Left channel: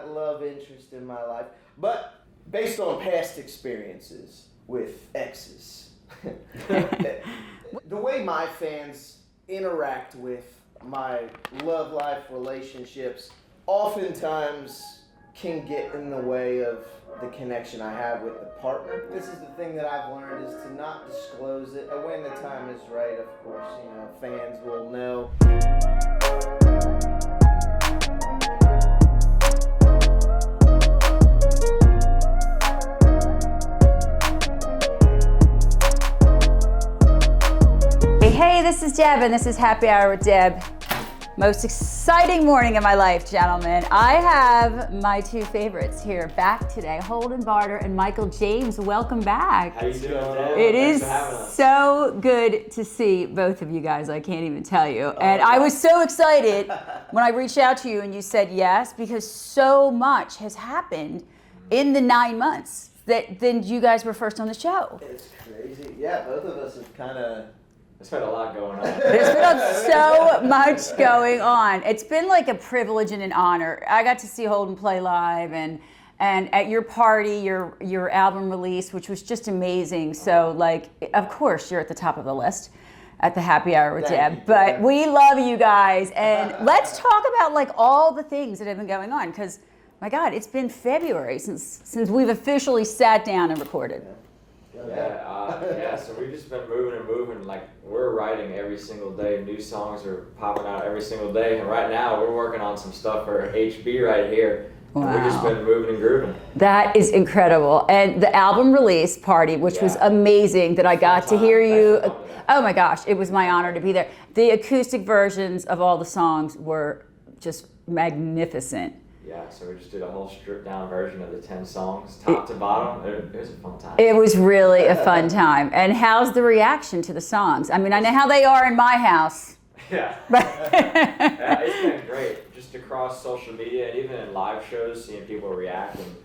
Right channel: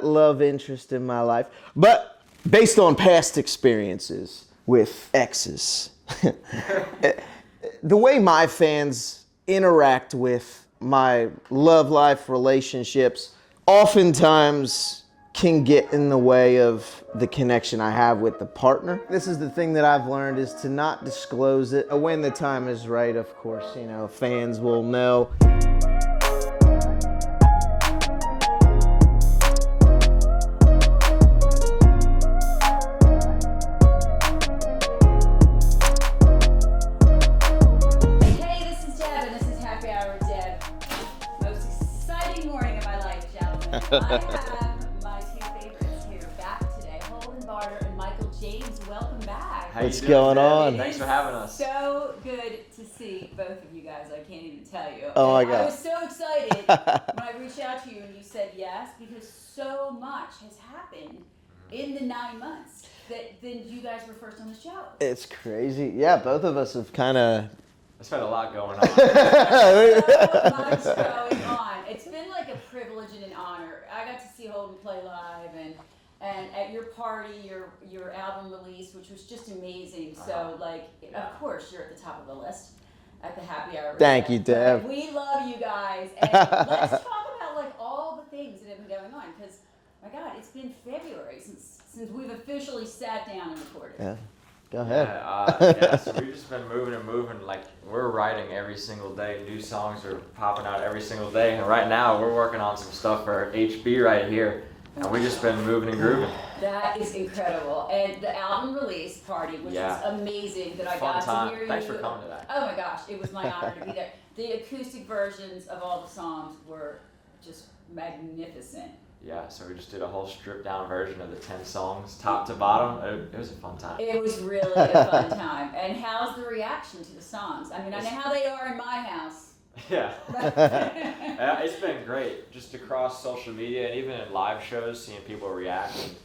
love interest in my life, but based on past experiences with exes, the way my fans interact with my love life relationships oftentimes can get in the way of the connection I have with the partner. This is the thing that I've learned, is to not disclose it. When the time is right, of course, fans will know. Hey, this is Deb, and this is Happy Hour with Deb. Most exciting morning of my life, gentlemen. I have my two favorites here back today, Holdyn Barder and Michael James. Welcome back. What's going on? It Thanks is for having us. so good to see both of you guys. I can't even tell you. Oh, and my I God. was so excited when I reached out to you and you said yes, because so much has happened in the 9 months that then you guys were first on the show. It's crazy. Yeah, both of us have kind of... There's been a lot going on. So much going on. It's been like a privilege and an honor. I got to see Holdyn play live, and at your party, your album release, which was just amazing. So, like, of course, you're at the top of the list at the Happy Hour with Thank Deb. you, Deb. But we love you guys, and let's talk about like all the things that have been going on, because my God, it's been February since we've officially sat down and recorded. Yeah. Go ahead. Yeah, so we've just been moving and moving. Like, we're writing every single day. New songs are popping out every single day. And right now, we're working on some stuff for HB right here. And we've just been moving and grooving. That is incredible. And the album release party, which was amazing, that I got to hear you. Thanks for coming to that. Oh my gosh, it was my honor to be there. The acoustic versions of all the songs were just magnificent. Yeah, so we just did a whole stripped down version of the 10 songs, top to bottom. It was a fun time. It was really a fun time. And how's the reaction to the songs? I mean, I know how they are in my house. Yeah. Yeah, it's been great. Just across social media, even in live shows, seeing people react and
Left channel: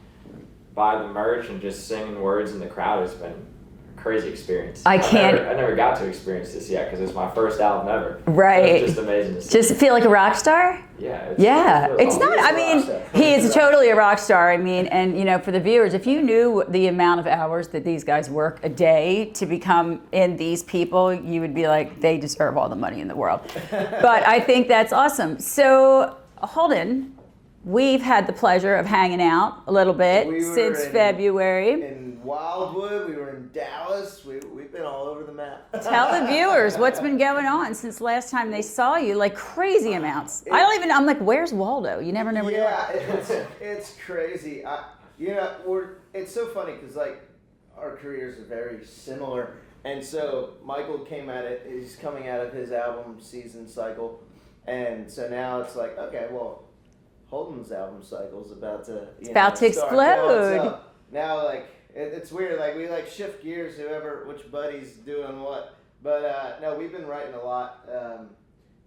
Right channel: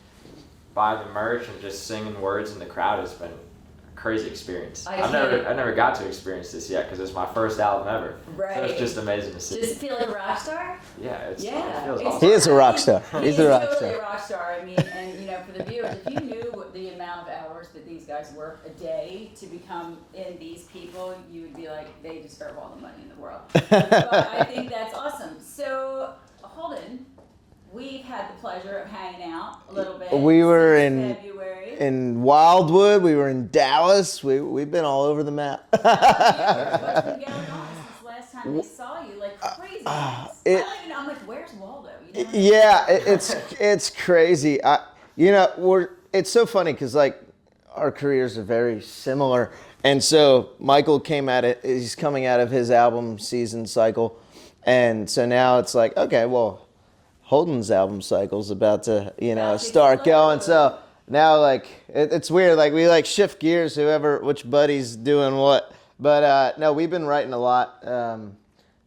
buy the merch and just singing words in the crowd has been a crazy experience. I never got to experience this yet because it's my first album ever. Right. So it's just amazing to see. Just feel like a rock star? Yeah. Yeah, it's He is a rock star. He He's is a rock totally star. a rock star. I mean, and for the viewers, if you knew the amount of hours that these guys work a day to become in these people, you would be like, they deserve all the money in the world. But I think that's awesome. So, Holdyn, we've had the pleasure of hanging out a little bit since February. In Wildwood, we were in Dallas. We've been all over the map. Tell the viewers what's been going on since last time they saw you, like crazy amounts. I'm like, where's Waldo? You never know. Yeah, it's crazy. It's so funny because like our careers are very similar, and so Michael came at it. He's coming out of his album season cycle, and so now it's like, okay, well, Holdyn's album cycle's about to start explode. going. So now like it's weird. Like we like shift gears, which buddy's doing what. But no, we've been writing a lot.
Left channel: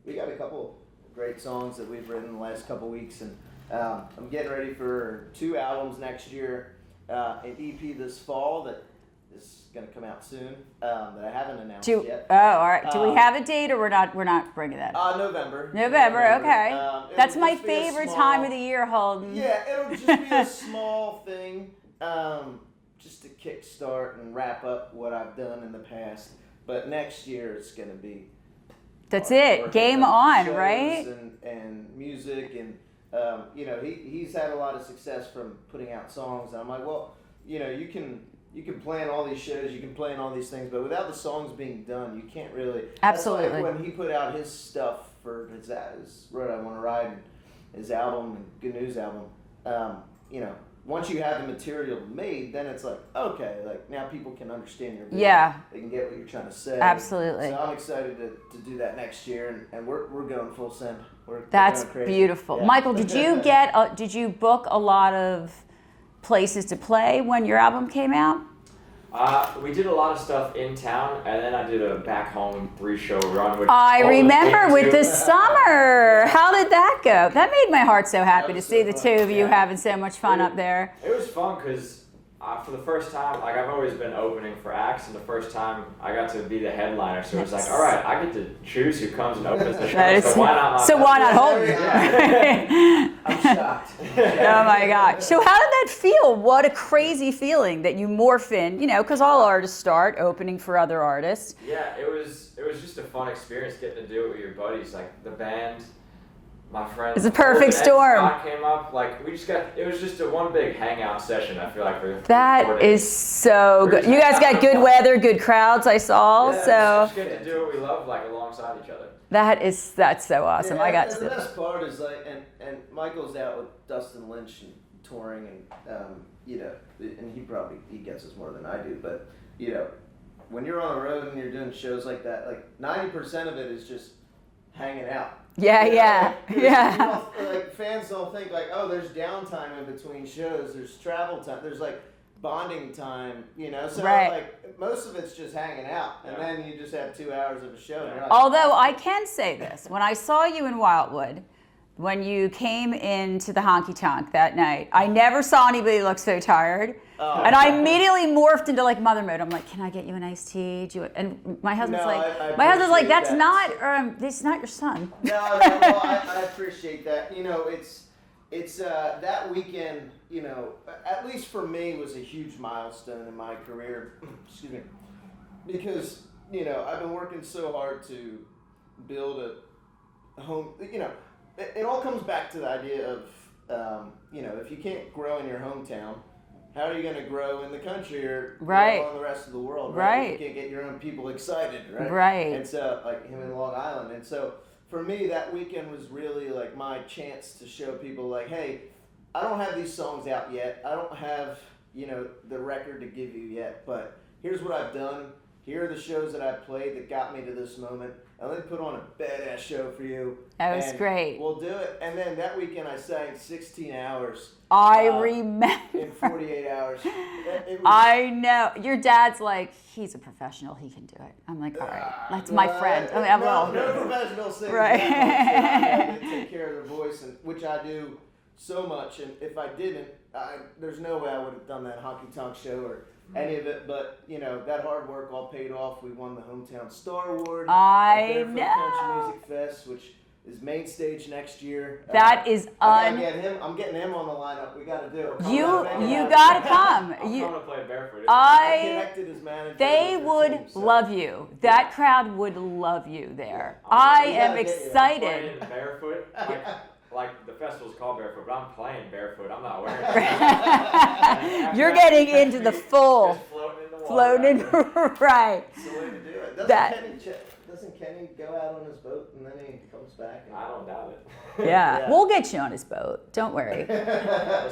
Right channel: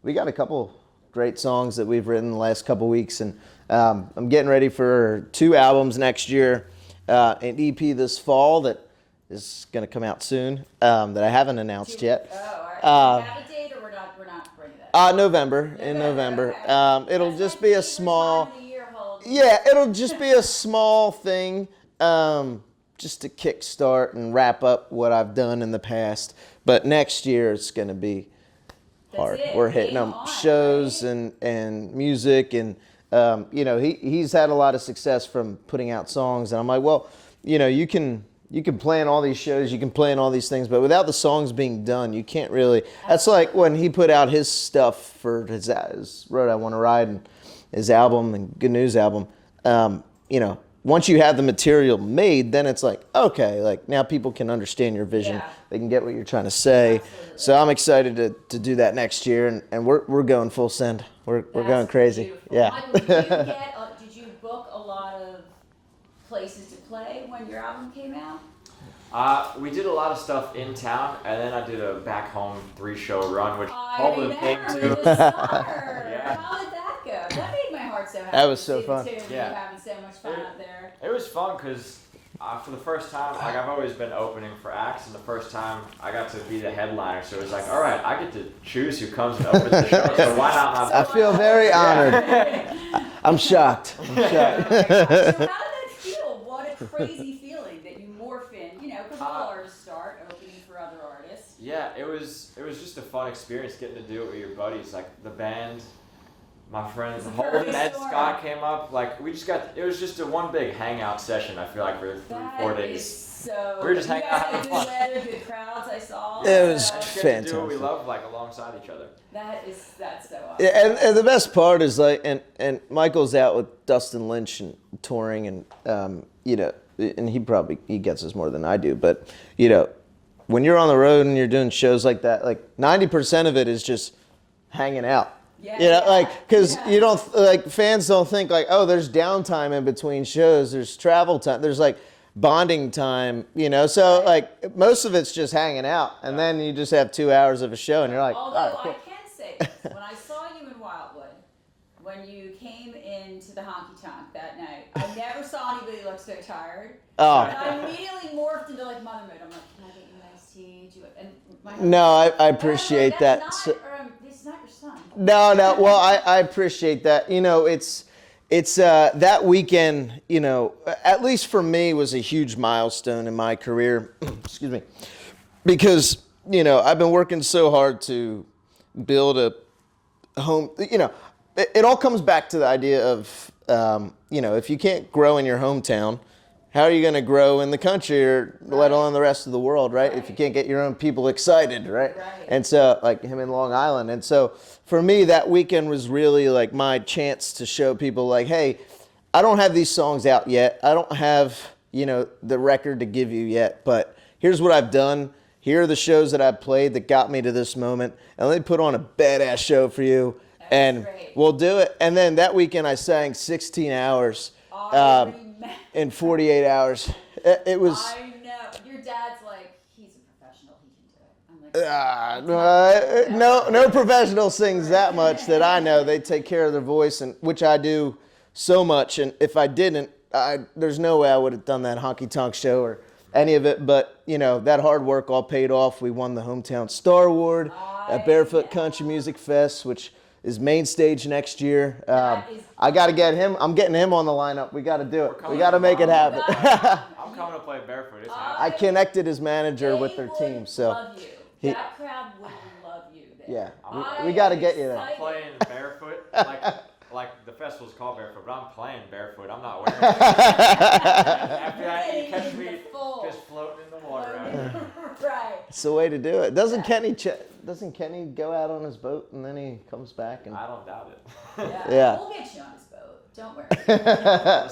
We got a couple great songs that we've written the last couple weeks, and I'm getting ready for 2 albums next year. An EP this fall that is going to come out soon that I haven't announced yet. Oh, all right. Do we have a date, or we're not bringing that? November. In November. Okay. It'll That's just my be a favorite small time of the year, Holdyn. Yeah, it'll just be a small thing, just to kickstart and wrap up what I've done in the past. But next year it's going to be. That's hard. it. We're hitting Game on, shows right? and music, and he's had a lot of success from putting out songs, and I'm like, well, you can plan all these shows, you can plan all these things, but without the songs being done, you can't really. Absolutely. That's like when he put out his stuff for his Road I Want to Ride and his album and Good News album. Once you have the material made, then it's like, okay, like now people can understand your vision. Yeah. They can get what you're trying to say. Absolutely. So I'm excited to do that next year, and we're going full send. We're That's going crazy. beautiful. Yeah. Michael, did you book a lot of places to play when your album came out? We did a lot of stuff in town, and then I did a back home 3-show run. Which I remember with the summer. Yeah. How did that go? That made my heart so happy to was so see the fun. two of you Yeah. having so much fun up there. It was fun because For the first time, like I've always been opening for acts, and the first time I got to be the headliner, so it was like, all right, I get to choose who comes and opens the show. So why not? Why not very Holdyn? honored. I'm shocked. Oh my gosh. So how did that feel? What a crazy feeling that you morph in, you know, because all artists start opening for other artists. Yeah, it was just a fun experience getting to do it with your buddies, like the band. My friends. It's a perfect Ed storm. Scott came up, like it was just a one big hangout session. I feel like for 4 That days. is so good. You guys got good weather, good crowds. I saw. It So was Get to do what we love, like alongside each other. that's so awesome. Yeah, I got and the to- best part is like, and Michael's out with Dustin Lynch and touring, and you know, and he gets us more than I do, but you know, when you're on the road and you're doing shows like that, like 90% of it is just hanging out. Yeah, You know, yeah. Because Yeah. you don't like fans don't think like, oh, there's downtime in between shows. There's travel time. There's like bonding time. You know, so Right. like most of it's just hanging out, and then you just have 2 hours of a show, and you're like, Although oh, I can say this, when I saw you in Wildwood, when you came into the honky tonk that night, I never saw anybody look so tired. Oh. And I immediately morphed into like mother mode. I'm like, can I get you an iced tea? And my husband's No, like, I my husband's like, appreciate that's that. not, this is not your son. No. Well, I appreciate that. You know, it's that weekend. You know, at least for me, was a huge milestone in my career. Excuse me, because you know I've been working so hard to build a home. You know, it all comes back to the idea of you know, if you can't grow in your hometown, how are you going to grow in the country or Right. let alone the rest of the world, right? If you Right. can't get your own people excited, right? Right. And so, like him in Long Island. And so, for me, that weekend was really like my chance to show people, like, hey, I don't have these songs out yet. I don't have, you know, the record to give you yet. But here's what I've done. Here are the shows that I've played that got me to this moment. And let me put on a badass show for you. That was and great. We'll do it. And then that weekend, I sang 16 hours. I remember. In 48 hours. It was. I know. Your dad's like, he's a professional. He can do it. I'm like, that's my friend. I mean, no professional sings Right. that much that I know. They take care of their voice, and which I do so much. And if I didn't, there's no way I would have done that honky tonk show or any of it. But you know, that hard work all paid off. We won the Hometown Star Award at Barefoot Country Music Fest, which is main stage next year. That is I gotta get him. I'm getting him on the lineup. We gotta do it. We gotta make it happen. You gotta come. I'm coming to play barefoot. I connected his manager They with their would team. So. love you. That crowd would love you there. Yeah. I We gotta am get you there. excited. Playing barefoot, like the festival's called barefoot, but I'm playing barefoot. I'm not wearing. You're getting into the full Just floating in the water. floating, right? It's the way to do it. Doesn't Kenny go out on his boat and then he comes back? And I don't doubt it. Yeah. Yeah. We'll get you on his boat. Don't worry.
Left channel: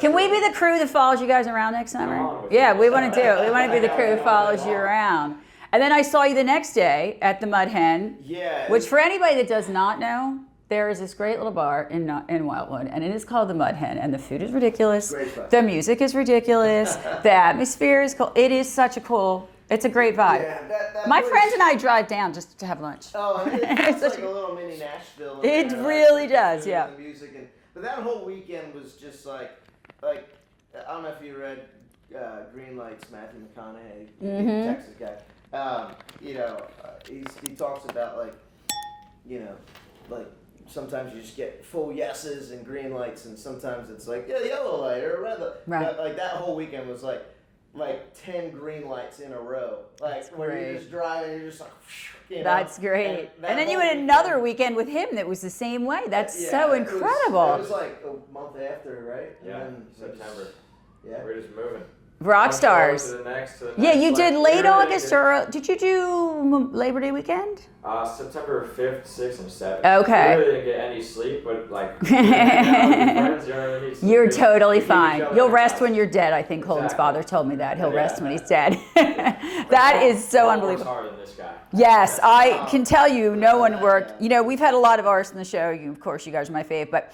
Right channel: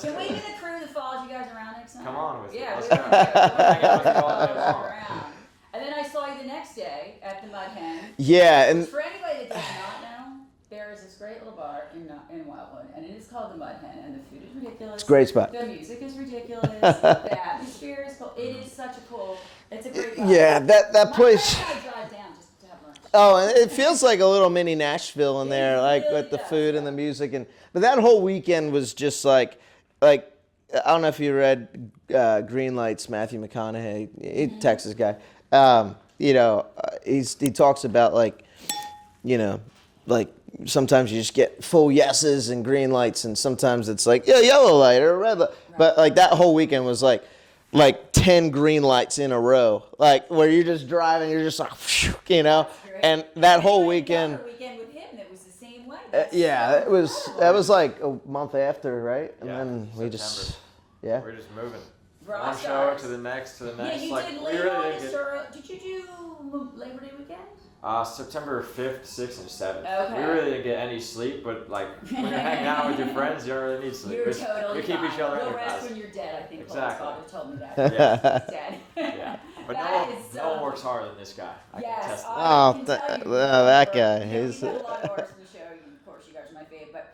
Can we be the crew that follows you guys around next summer? Come on with Yeah, it. we want to do it. We want to be the crew that follows you around. And then I saw you the next day at the Mud Hen. Yeah. Which, for anybody that does not know, there is this great little bar in Wildwood, and it is called the Mud Hen, and the food is ridiculous. It's a great spot. The music is ridiculous. The atmosphere is cool. It is such a cool. It's a great vibe. Yeah, that My place. friends and I drive down just to have lunch. Oh, and it feels like a little mini Nashville in It there, like really with does, the food yeah. and the music, but that whole weekend was just like I don't know if you read Green Lights, Matthew McConaughey, Mm-hmm. Texas guy. You know, he talks about like, you know, like sometimes you just get full yeses and green lights, and sometimes it's like yellow light or red light. Right. But like that whole weekend was like 10 green lights in a row, like where you're just driving, you're just like, you know. That's great. And that then whole you had weekend. another weekend with him that was the same way. That's so it incredible. that was like a month after, right? And Yeah, then we September. just, yeah. We're just moving. Rock One show stars. To the next, to the Yeah, next, you like, did late literally August just- or did you do Labor Day weekend? September 5th, 6th, and 7th. Okay. I really didn't get any sleep, but like, hanging out with your friends, you don't really need sleep. You're We- totally we keep each fine. other You'll rest energized. when you're dead. I think Holdyn's Exactly. father told me that. He'll Yeah. rest when he's dead. But That no is so one works unbelievable. harder than this guy. Yes, I Oh, can tell you, no that one guy, worked. You know, he's- we've had a lot of artists on the show. Of course, you guys are my fave, but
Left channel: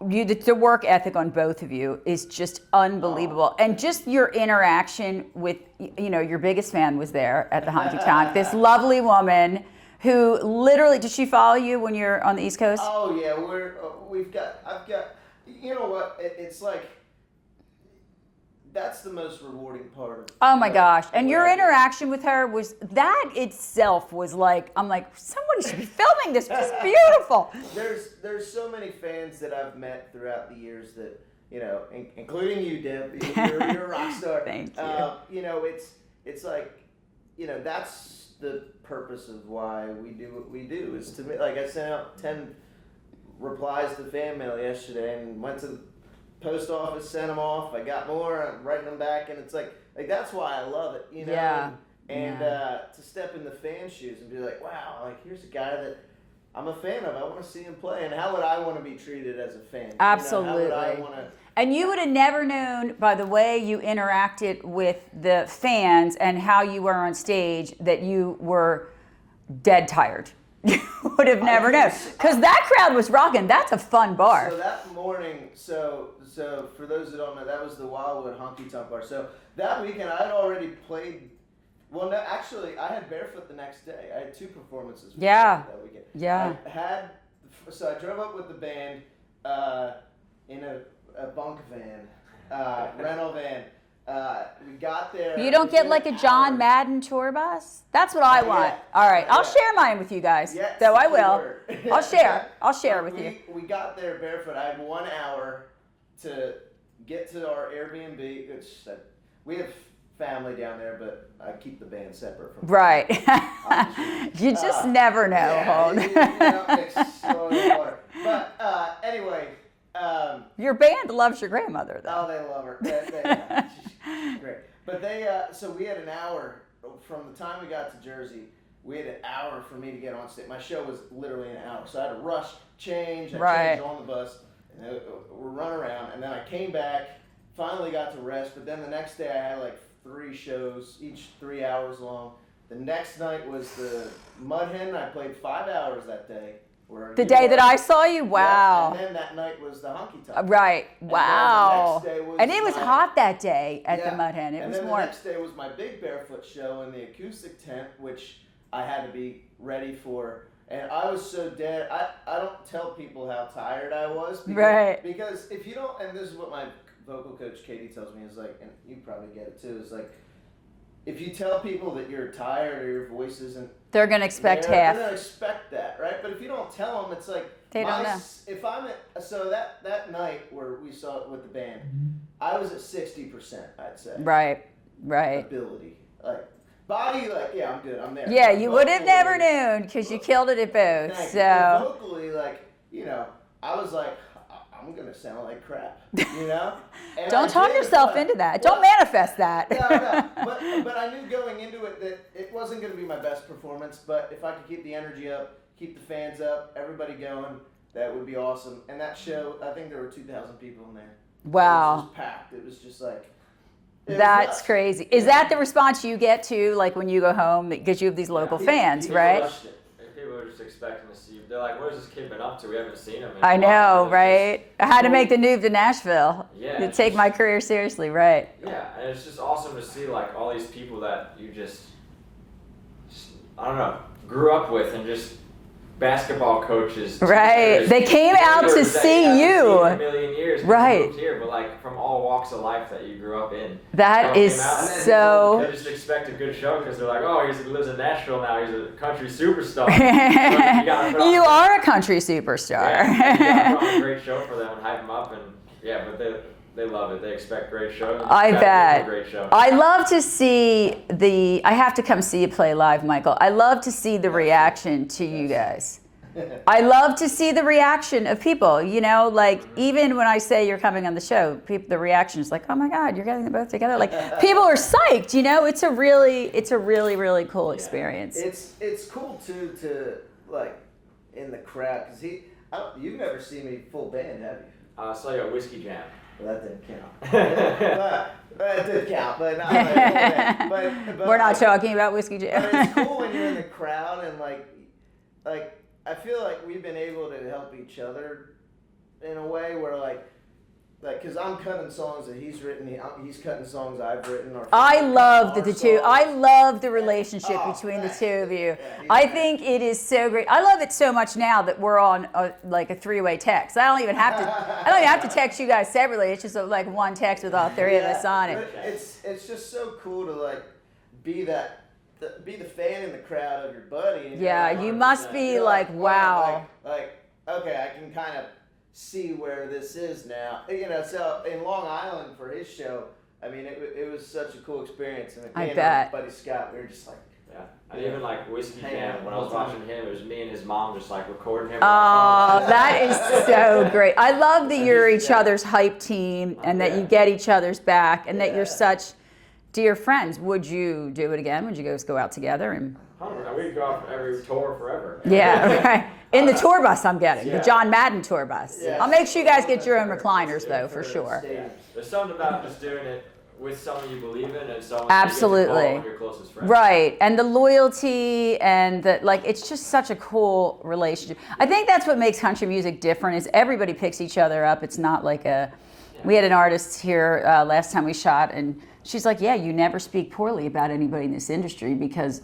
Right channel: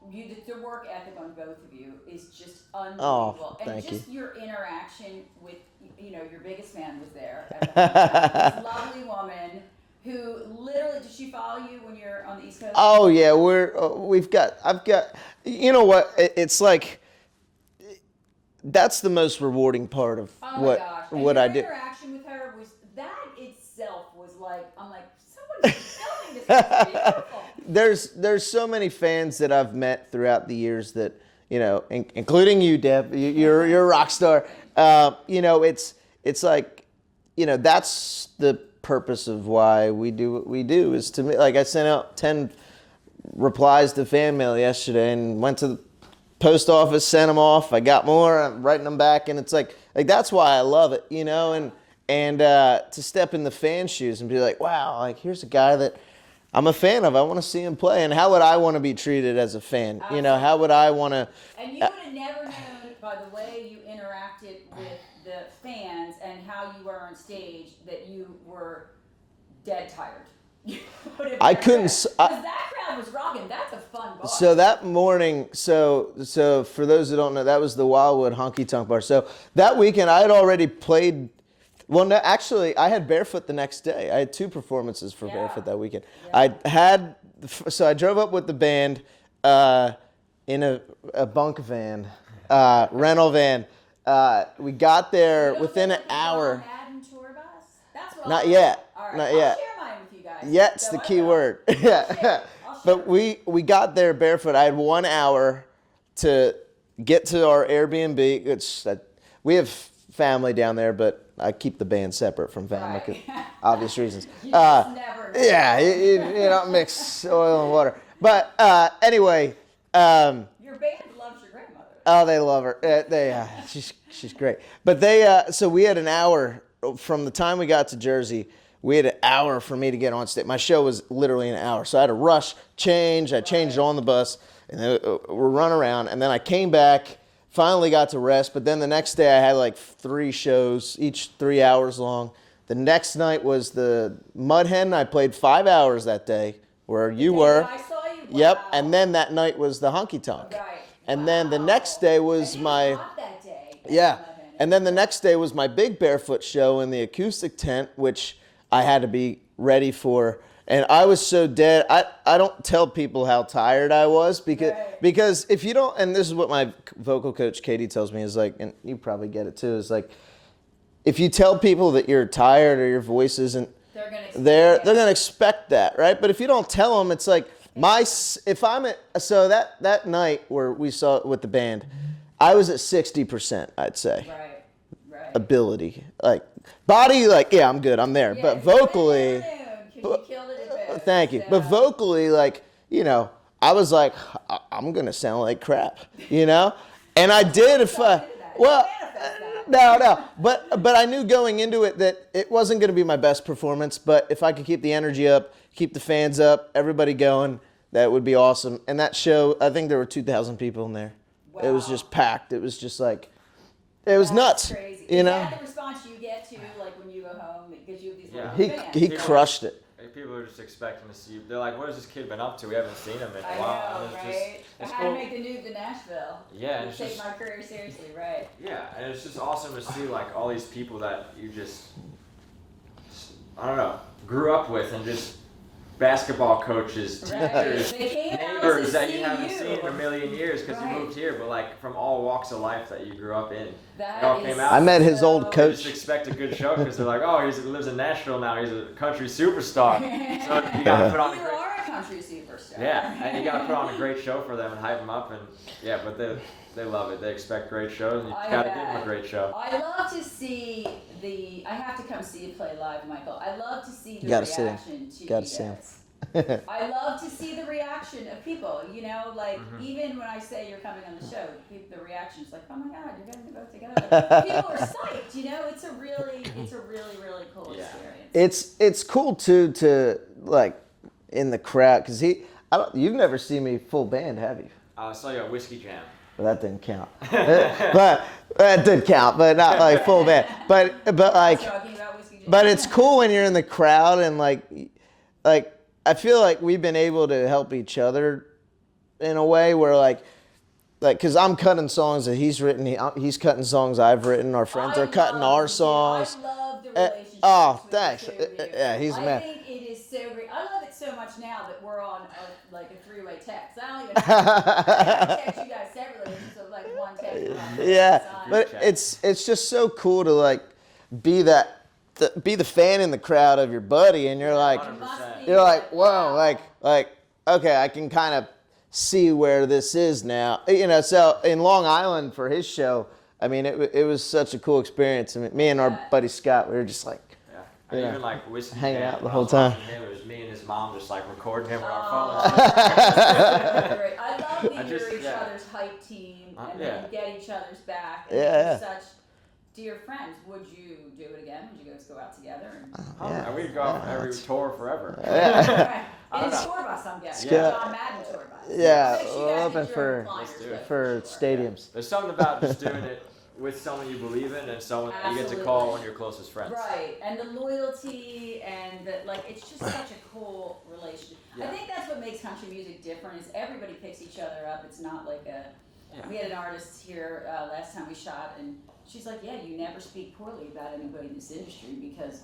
the work ethic on both of you is just unbelievable. And thank just your interaction with, you know, your biggest fan was there at the honky tonk. This lovely woman who literally, did she follow you when you're on the East Coast? Oh yeah, I've got, you know what? It's like that's the most rewarding part of Oh my gosh. And what your I do. interaction with her was, that itself was like, I'm like, somebody should be filming this. It's beautiful. There's so many fans that I've met throughout the years that, you know, including you, Deb. You're a rock star. Thank you. You know, it's like, you know, that's the purpose of why we do what we do, is to me. Like, I sent out 10 replies to fan mail yesterday and went to the post office, sent them off. I got more. I'm writing them back, and it's like that's why I love it, you know. Yeah. And to step in the fan shoes and be like, wow, like here's a guy that I'm a fan of. I want to see him play. And how would I want to be treated as a fan? Absolutely. You know, how would I want to? And you would have never known by the way you interacted with the fans and how you were on stage that you were dead tired. You would have never known. Because that crowd was rocking. That's a fun bar. So that morning, so for those who don't know, that was the Wildwood Honky Tonk Bar. So that weekend, I had already played. Well, no, actually, I had Barefoot the next day. I had 2 performances for Barefoot that weekend. Yeah. So I drove up with the band in a bunk van, rental van. We got there. You don't get within like a an John hour. Madden tour bus? That's what I Not want. yet. All right, Not I'll yet. share mine with you guys. Yet's so the I key will. word. I'll share But it with you. we got there Barefoot. I had 1 hour to get to our Airbnb. We have family down there, but I keep the band separate from family Right. for obvious reasons. You just never know. Yeah, you don't mix oil and water. But anyway. Your band loves your grandmother, though. Oh, they love her. She's great. But so we had an hour from the time we got to Jersey. We had an hour for me to get on stage. My show was literally an hour, so I had to rush, change. I changed on the bus, and then we're run around. And then I came back, finally got to rest. But then the next day I had like 3 shows, each 3 hours long. The next night was the Mud Hen. I played 5 hours that day. Where The you day were. that I saw you? Wow. Yep. And then that night was the Honky Tonk. Right. And then the next day was And it was hot that day at the Mud Hen. And then the next day was my big Barefoot show in the acoustic tent, which I had to be ready for. And I was so dead. I don't tell people how tired I was because if you don't, and this is what my vocal coach Katie tells me, is like, and you probably get it too, is like, if you tell people that you're tired or your voice isn't, they're going to expect they're going to expect that, right? But if you don't tell them, it's like that night where we saw it with the band, I was at 60%, I'd say. Right. Ability, like body, like I'm good, I'm there. Yeah, but you vocally, would have never known because you killed it at both. Thank you. So. But vocally, like I was like, I'm gonna sound like crap, And Don't I talk did. yourself into that. Well, don't manifest that. No. But I knew going into it that it wasn't going to be my best performance. But if I could keep the energy up, keep the fans up, everybody going, that would be awesome. And that show, I think there were 2,000 people in there. Wow. It was just packed. It was just like, it was nuts. That's crazy. Is that the response you get to, like when you go home, because you have these local fans, he right? crushed it. People are just expecting to see you. They're like, what has this kid been up to? We haven't seen him in I a while. know, right? I had to make the move to Nashville to take my career seriously, right? Yeah, and it's just awesome to see like all these people that you just I don't know, grew up with and just basketball coaches. Right. They came out to see you. In a million years. Right. You moved here, but like from all walks of life that you grew up in. That is I met his old They coach. just expect a good show because they're like, oh, he lives in Nashville now. He's a country superstar. You are a country superstar. Yeah, you gotta put on a great show for them and hype them up, and but they love it. They expect great shows. I bet. A great show. I love to see I have to come see you play live, Michael. I love to see the reaction to you guys. I love to see the reaction of people, even when I say you're coming on the show, the reaction is like, oh my God, you're getting them both together. Like people are psyched, it's a really, really cool experience. It's cool too to like in the crowd, because you've never seen me full band, have you? I saw you at Whiskey Jam. Well, that didn't count. But that did count, but not like full band. But we're not talking about Whiskey Jam. But it's cool when you're in the crowd and like I feel like we've been able to help each other in a way where like like, because I'm cutting songs that he's written, he's cutting songs I've written, our friends I are cutting love our the songs. two. I love the relationship between the thanks. two of you. Yeah, he's I the man. think it is so great. I love it so much now that we're on like a three-way text. I don't even have to text you guys separately. It's just like one text with all three of us on it. But it's just so cool to like be the fan in the crowd of your buddy, and you're like, you must be you're like, whoa, wow. like okay, I can kind of see where this is now. So in Long Island for his show, I mean, it was such a cool experience. I mean, me and our buddy Scott, we were just like, I even like Whiskey hanging Band, out the when I whole was time. watching him, it was me and his mom just like recording him. Oh, that is so great. I love that you're each other's hype team and that you get each other's back and that you're such dear friends. Would you do it again? Would you guys go out together? And We'd go out for every tour forever. okay. In the tour bus, I'm getting the John Madden tour bus. Yeah. I'll make sure you guys Love get it your own for- recliners though, for sure. Stadiums. There's something about just doing it with someone you believe in and someone Absolutely. you get to call one of your closest friends. Right, and the loyalty and the like, it's just such a cool relationship. I think that's what makes country music different is everybody picks each other up. It's not like we had an artist here last time we shot and she's like, yeah, you never speak poorly about anybody in this industry because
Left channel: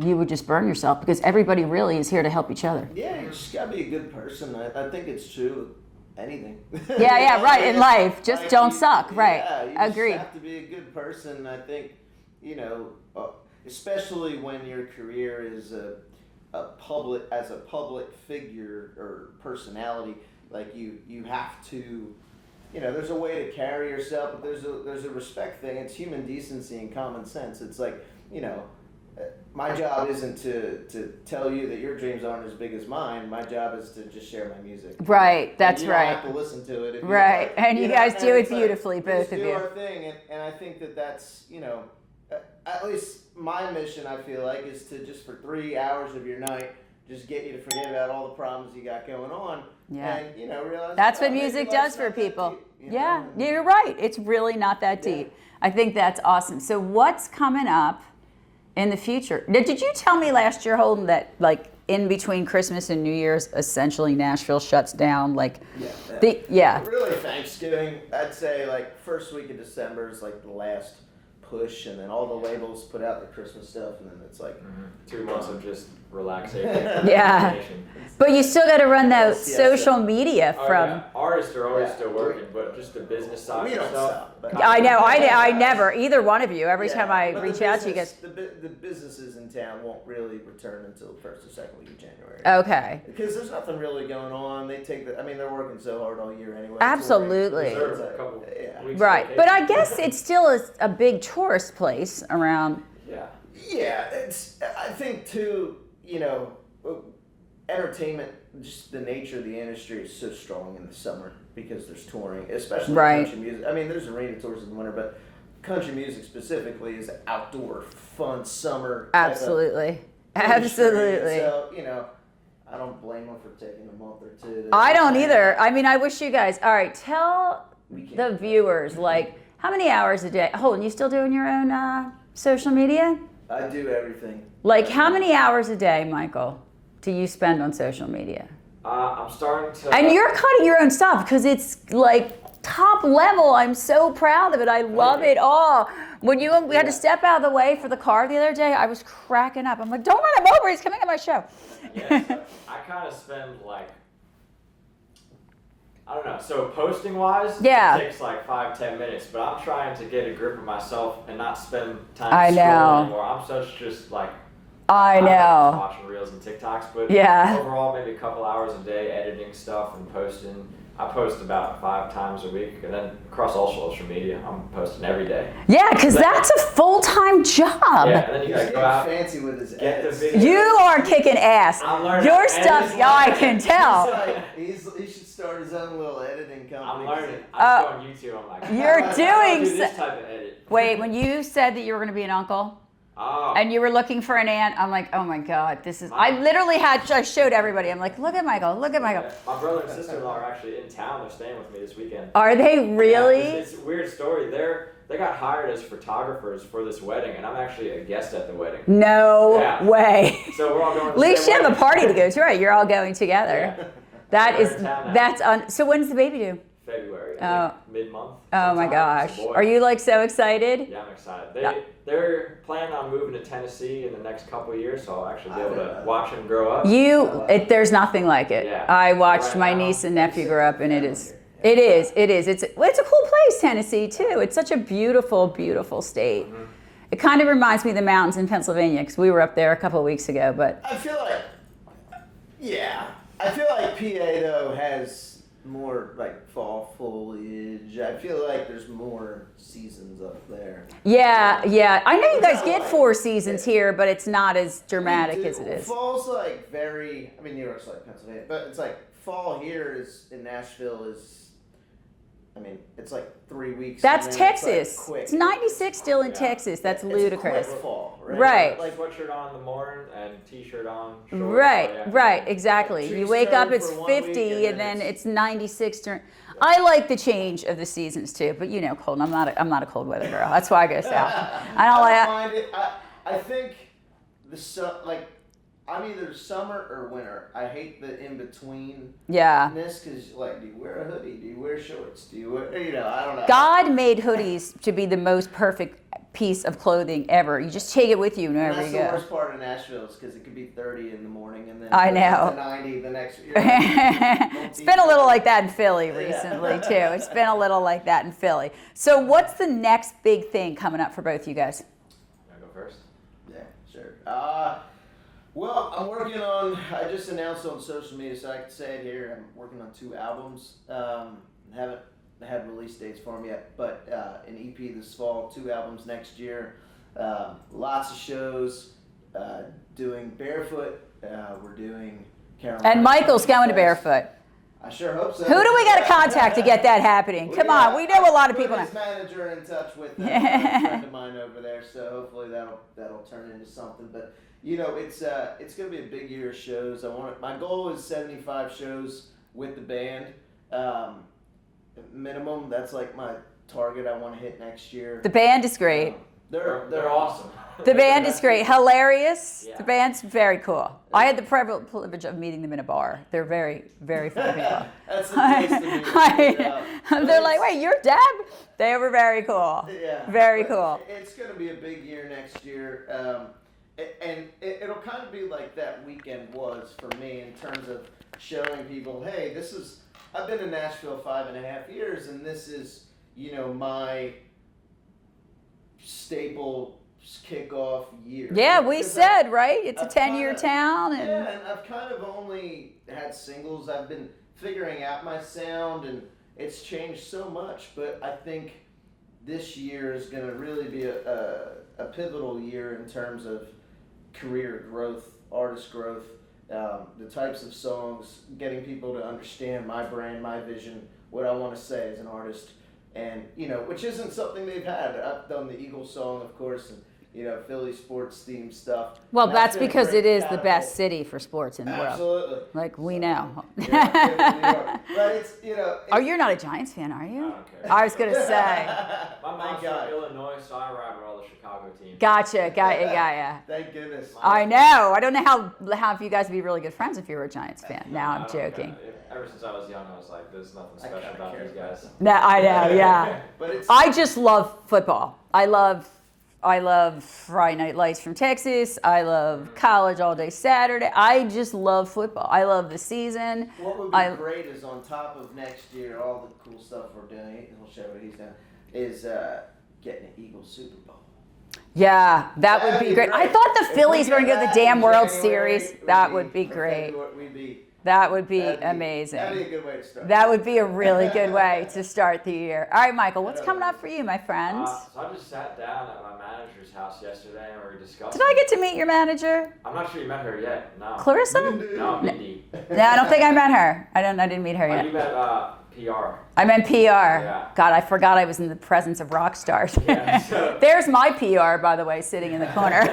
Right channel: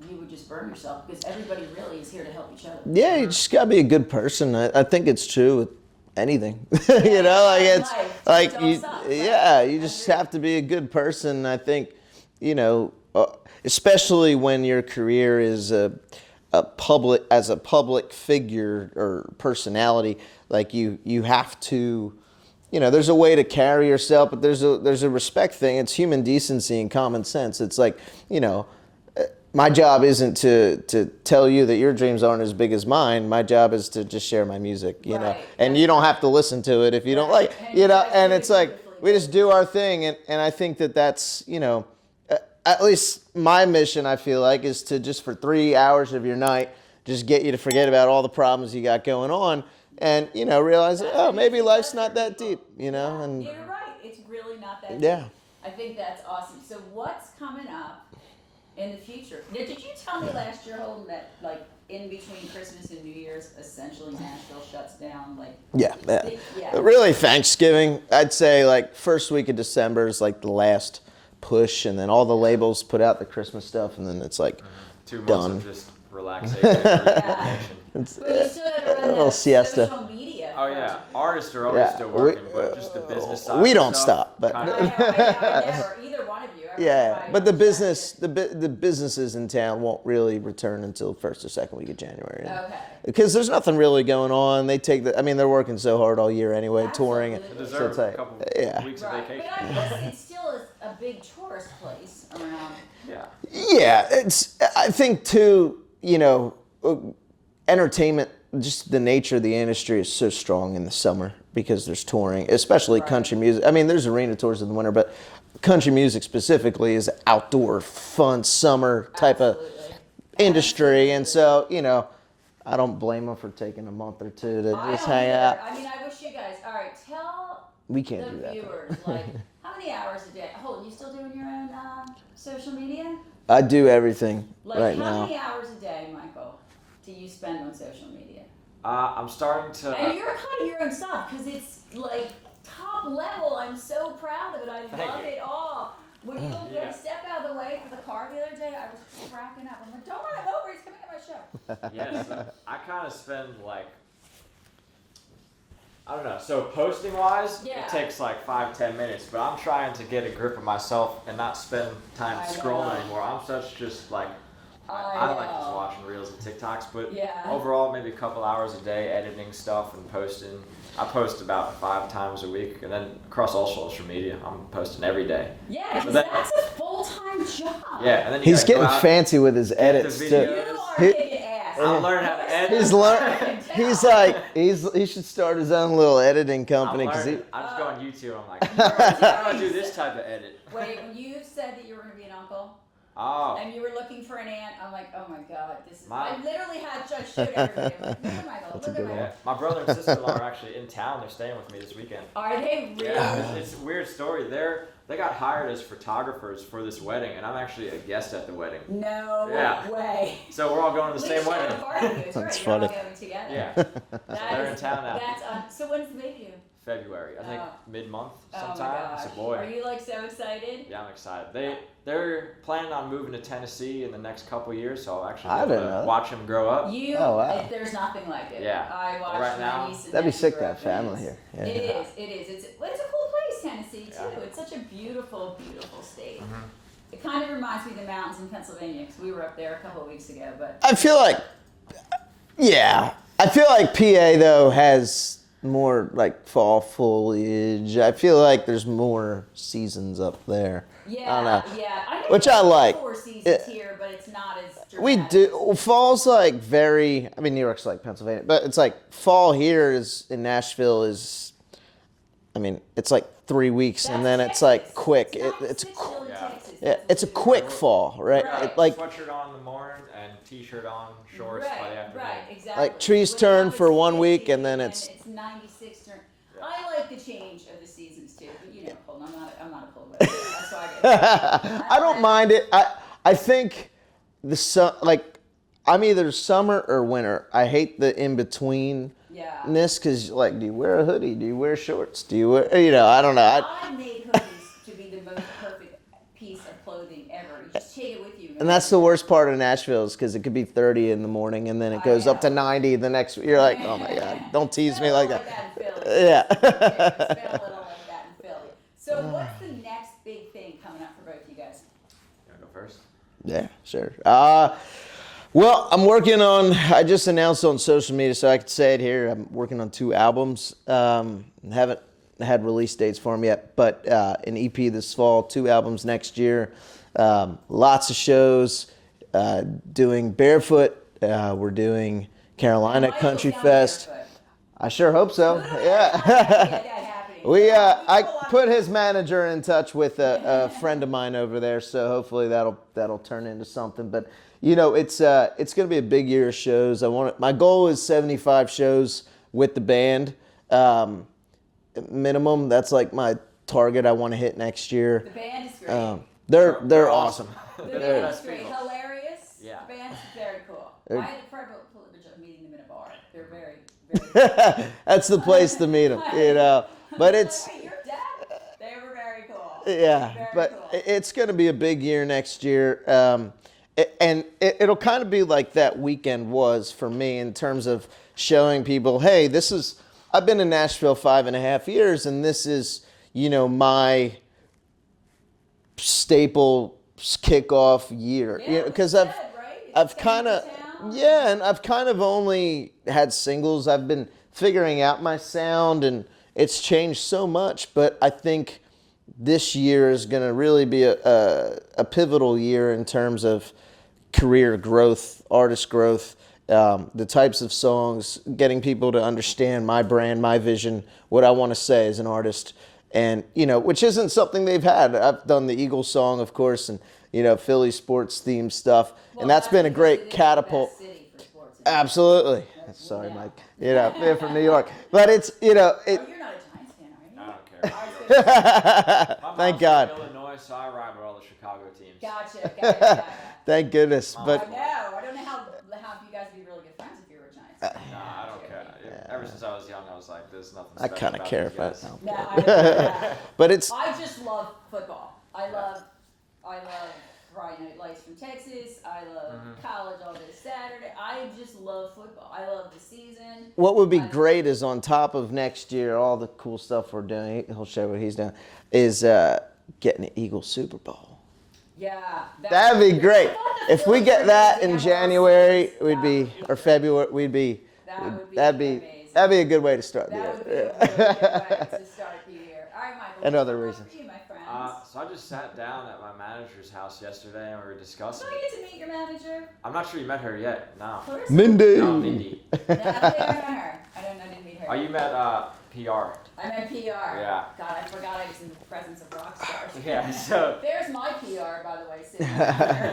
you would just burn yourself because everybody really is here to help each other. Yeah, you just gotta be a good person. I think it's true with anything. Yeah, right, in it's life. Just like don't suck, right. Yeah, you just Agreed. have to be a good person. I think, especially when your career is a public figure or personality, like you have to, there's a way to carry yourself, but there's a respect thing. It's human decency and common sense. It's like, my job isn't to tell you that your dreams aren't as big as mine. My job is to just share my music. Right, And that's you don't right. have to listen to it if you Right, don't like. and you guys do and it it's like, beautifully, we just both do of you. our thing, and I think that's at least my mission. I feel like is to just for 3 hours of your night just get you to forget about all the problems you got going on, and realize That's what maybe music life's does not for that people. deep. Yeah, and- you're right. It's really not that Yeah. deep. I think that's awesome. So what's coming up in the future? Did you tell me last year, Holden, that like in between Christmas and New Year's, essentially Nashville shuts down? Like Yeah. yeah. Really, Thanksgiving. I'd say like first week of December is like the last push, and then all the labels put out the Christmas stuff, and then it's like 2 months done. of just relaxation. Yeah. But you still got to run the siesta. social media from. Yeah. Artists are always Yeah, still working, but just the business side. we of don't stuff, stop, but- I know. I never. Either one of you. Every time I. but the reach out to you business, the businesses in town won't really return until first or second week of January. Okay. Because there's nothing really going on. They take they're working so hard all year anyway. Absolutely. Touring. So it's Deserve a like, couple yeah. weeks of Right. vacation. But I guess it still is a big tourist place around. Yeah. Yeah, I think too, entertainment, just the nature of the industry is so strong in the summer because there's touring, especially Right. country music. I mean, there's arena tours in the winter, but country music specifically is outdoor, fun, summer type Absolutely. of industry. And Absolutely. so, I don't blame them for taking a month or two to I just don't hang either. out. I mean, I wish you guys. All right, tell We can't the do that. viewers like how many hours a day. Holden, you still doing your own social media? I do everything. Like right how now. many hours a day, Michael, do you spend on social media? I'm starting to. And you're cutting your own stuff because it's like top level. I'm so proud of it. I love it all. When we had to step out of the way for the car the other day, I was cracking up. I'm like, don't run him over. He's coming on my show. Yeah, I kind of spend like, I don't know. So posting wise, Yeah. it takes like 5-10 minutes. But I'm trying to get a grip of myself and not spend time I know. scrolling anymore. I'm such just like. I like just know. watching reels and TikToks, but Yeah. overall maybe a couple hours a day editing stuff and posting. I post about 5 times a week, and then across all social media, I'm posting every day. Yeah, because that's a full-time job. Yeah, and then you He's gotta go getting out, fancy with his edits. video. too. You are kicking ass. I'm learning You're how to edit. stuff, I can tell. He's like, he should start his own little editing I'm company. 'Cause learning. he, I just go on YouTube. I'm like, You're I doing do this so- type of edit. Wait, when you said that you were going to be an uncle Oh. and you were looking for an aunt, I'm like, oh my God, this is. I literally I showed everybody. I'm like, look at Michael, look at Michael. Yeah. My brother and sister-in-law are actually in town. They're staying with me this weekend. Are they really? Yeah, it's a weird story. They got hired as photographers for this wedding, and I'm actually a guest at the wedding. No Yeah. way. So we're all going to At the least same you have a wedding. party to go to, right? You're all funny. going together. Yeah. That They're is in town now. so when's the baby due? February. I think mid-month. Oh my gosh. Are you like so excited? Yeah, I'm excited. They're planning on moving to Tennessee in the next couple of years, so I'll actually be able to watch them grow up. There's nothing like it. Yeah. I watched my niece and nephew grow up, and it is. Yeah. It is. It's a cool place, Tennessee too. It's such a beautiful, beautiful state. Mm-hmm. It kind of reminds me of the mountains in Pennsylvania because we were up there a couple of weeks ago. But I feel like PA though has more like fall foliage. I feel like there's more seasons up there. Yeah. I know you guys get 4 seasons here, but it's not as dramatic. We do. As it is. Fall's like very. I mean, New York's like Pennsylvania, but it's like fall here is in Nashville is. I mean, it's like 3 weeks, That's and then Texas. It's like quick. It's 96 still in Texas. That's it's ludicrous. a quick fall, right? Right. Like sweatshirt on in the morning and t-shirt on. Shorts Right, exactly. Like trees you wake turn up, it's for 1 50, week, and then it's 96 during. I like the change of the seasons too, but you know, cold. I'm not a cold weather girl. That's why I go south. I don't mind it. I think I'm either summer or winter. I hate the in between. Yeah. Because like, do you wear a hoodie? Do you wear shorts? Do you wear? I don't know. God made hoodies to be the most perfect piece of clothing ever. You just take it with you. And that's the worst part of Nashville is because it could be 30 in the morning and then it goes up to 90 the next. You're like, don't tease me. It's been a little like that in Philly recently too. It's been a little like that in Philly. So what's the next big thing coming up for both you guys? Can I go first? Yeah, sure. Well, I'm working on, I just announced on social media, so I could say it here. I'm working on 2 albums. Haven't had release dates for them yet, but an EP this fall, 2 albums next year. Lots of shows, doing Barefoot. We're doing Carolina And Michael's Country going Fest. to Barefoot. I sure hope so. Who do we got to contact to get that happening? Come on, we know a lot of people. I put his manager in touch with a friend of mine over there, so hopefully that'll turn into something. But it's going to be a big year of shows. My goal is 75 shows with the band, minimum. That's like my target I want to hit next year. The band is great. They're awesome. The band is great, hilarious. Yeah. The band's very cool. I had the privilege of meeting them in a bar. They're very, very funny. That's the place to meet them. But they're like, wait, you're Deb? They were very cool. Yeah, very cool. It's going to be a big year next year, and it'll kind of be like that weekend was for me in terms of showing people, hey, I've been in Nashville 5.5 years, and this is my staple kickoff year. Yeah, we said, right? It's a 10-year town. And I've kind of only had singles. I've been figuring out my sound, and it's changed so much. But I think this year is going to really be a pivotal year in terms of career growth, artist growth, the types of songs, getting people to understand my brand, my vision, what I want to say as an artist. And, which isn't something they've had. I've done the Eagles song, of course, and, Philly sports themed stuff. Well, and that's been because a great it is catapult. the best city for sports in the world. Absolutely. Like we know. You're from New York. But it's, Oh, you're not a Giants fan, are you? I don't care. I was going to say. Thank God. From Illinois, so I ride with all the Chicago teams. Gotcha. Yeah. Thank goodness. I know. I don't know how if you guys would be really good friends if you were a Giants fan. Now I'm joking. Ever since I was young, I was like, there's nothing I special kind of about care these about guys. them. No, I know, yeah. But I just love football. I love Friday Night Lights from Texas. I love college all day Saturday. I just love football. I love the season. What would be great is on top of next year, all the cool stuff we're doing, he'll show what he's done, is getting an Eagles Super Bowl. Yeah, that'd be great. I thought the Phillies were going to get the damn World Series. That would be great. Or February, that would be amazing. That'd be a good way to start. That would be a really good way to start the year. All right, Michael, what's coming up for you, my friend? So I just sat down at my manager's house yesterday and we were discussing. Did I get to meet your manager? I'm not sure you met her yet. No. Clarissa? Mindy. No, Mindy. No, I don't think I met her. I didn't meet her yet. You met PR. I meant PR. Yeah. God, I forgot I was in the presence of rock stars. Yeah, so There's my PR, by the way, sitting in the corner.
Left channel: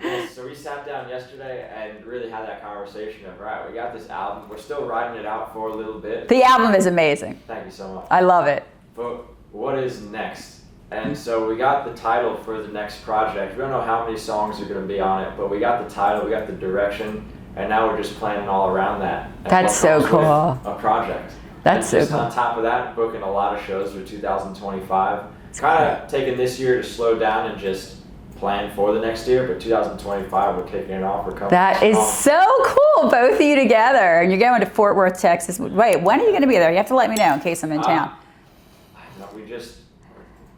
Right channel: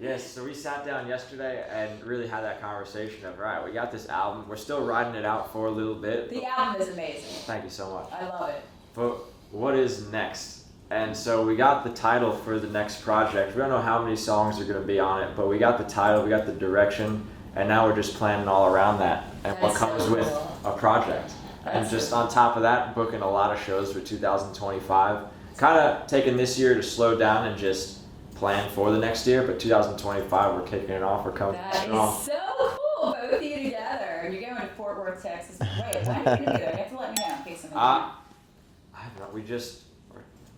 Yes, so we sat down yesterday and really had that conversation of, right, we got this album. We're still writing it out for a little bit. The album is amazing. Thank you so much. I love it. But what is next? And so we got the title for the next project. We don't know how many songs are going to be on it, but we got the title, we got the direction, and now we're just planning all around that. And That's what comes so cool. with a project. That's and just so cool. on top of that, booking a lot of shows for 2025. Kind of taking this year to slow down and just plan for the next year, but 2025 we're kicking it off. We're coming. That is so cool, both of you together, and you're going to Fort Worth, Texas. Wait, when are you going to be there? You have to let me know in case I'm in town. I don't know. We just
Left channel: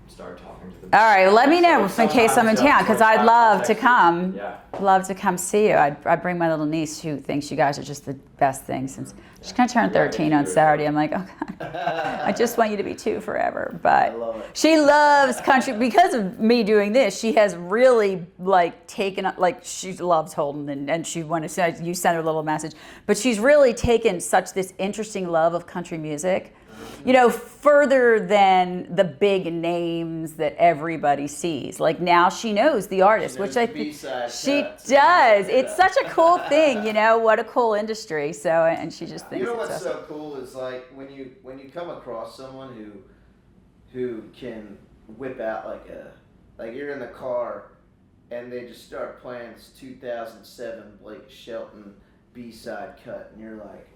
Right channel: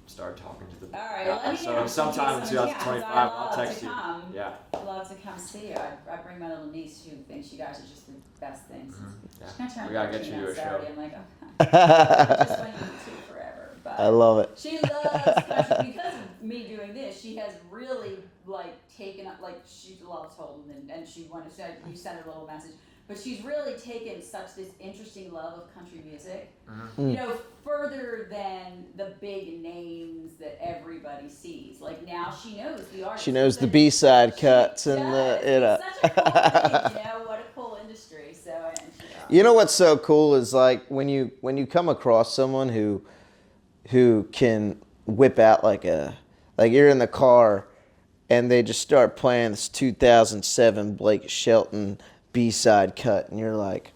started talking to the. All right, well, let me know So in case I'm in town, because I'd 2025, love to text you. come. Yeah. Love to come see you. I'd bring my little niece who thinks you guys are just the best thing since she's going to turn We gotta get 13 you on to a Saturday. show. I'm like, oh God, I just want you to be 2 forever. But I love it. She loves country because of me doing this. She has really like taken up, like she loves Holdyn, and she wanted to say, you sent her a little message, but she's really taken such this interesting love of country music. You know, further than the big names that everybody sees. Like now she knows the artist. She knows which the B-side cuts. She does. And It's such a cool thing, you know. What a cool industry. So, and she just. You know what's so cool is like when you come across someone who can whip out like you're in the car and they just start playing this 2007 Blake Shelton B-side cut, and you're like,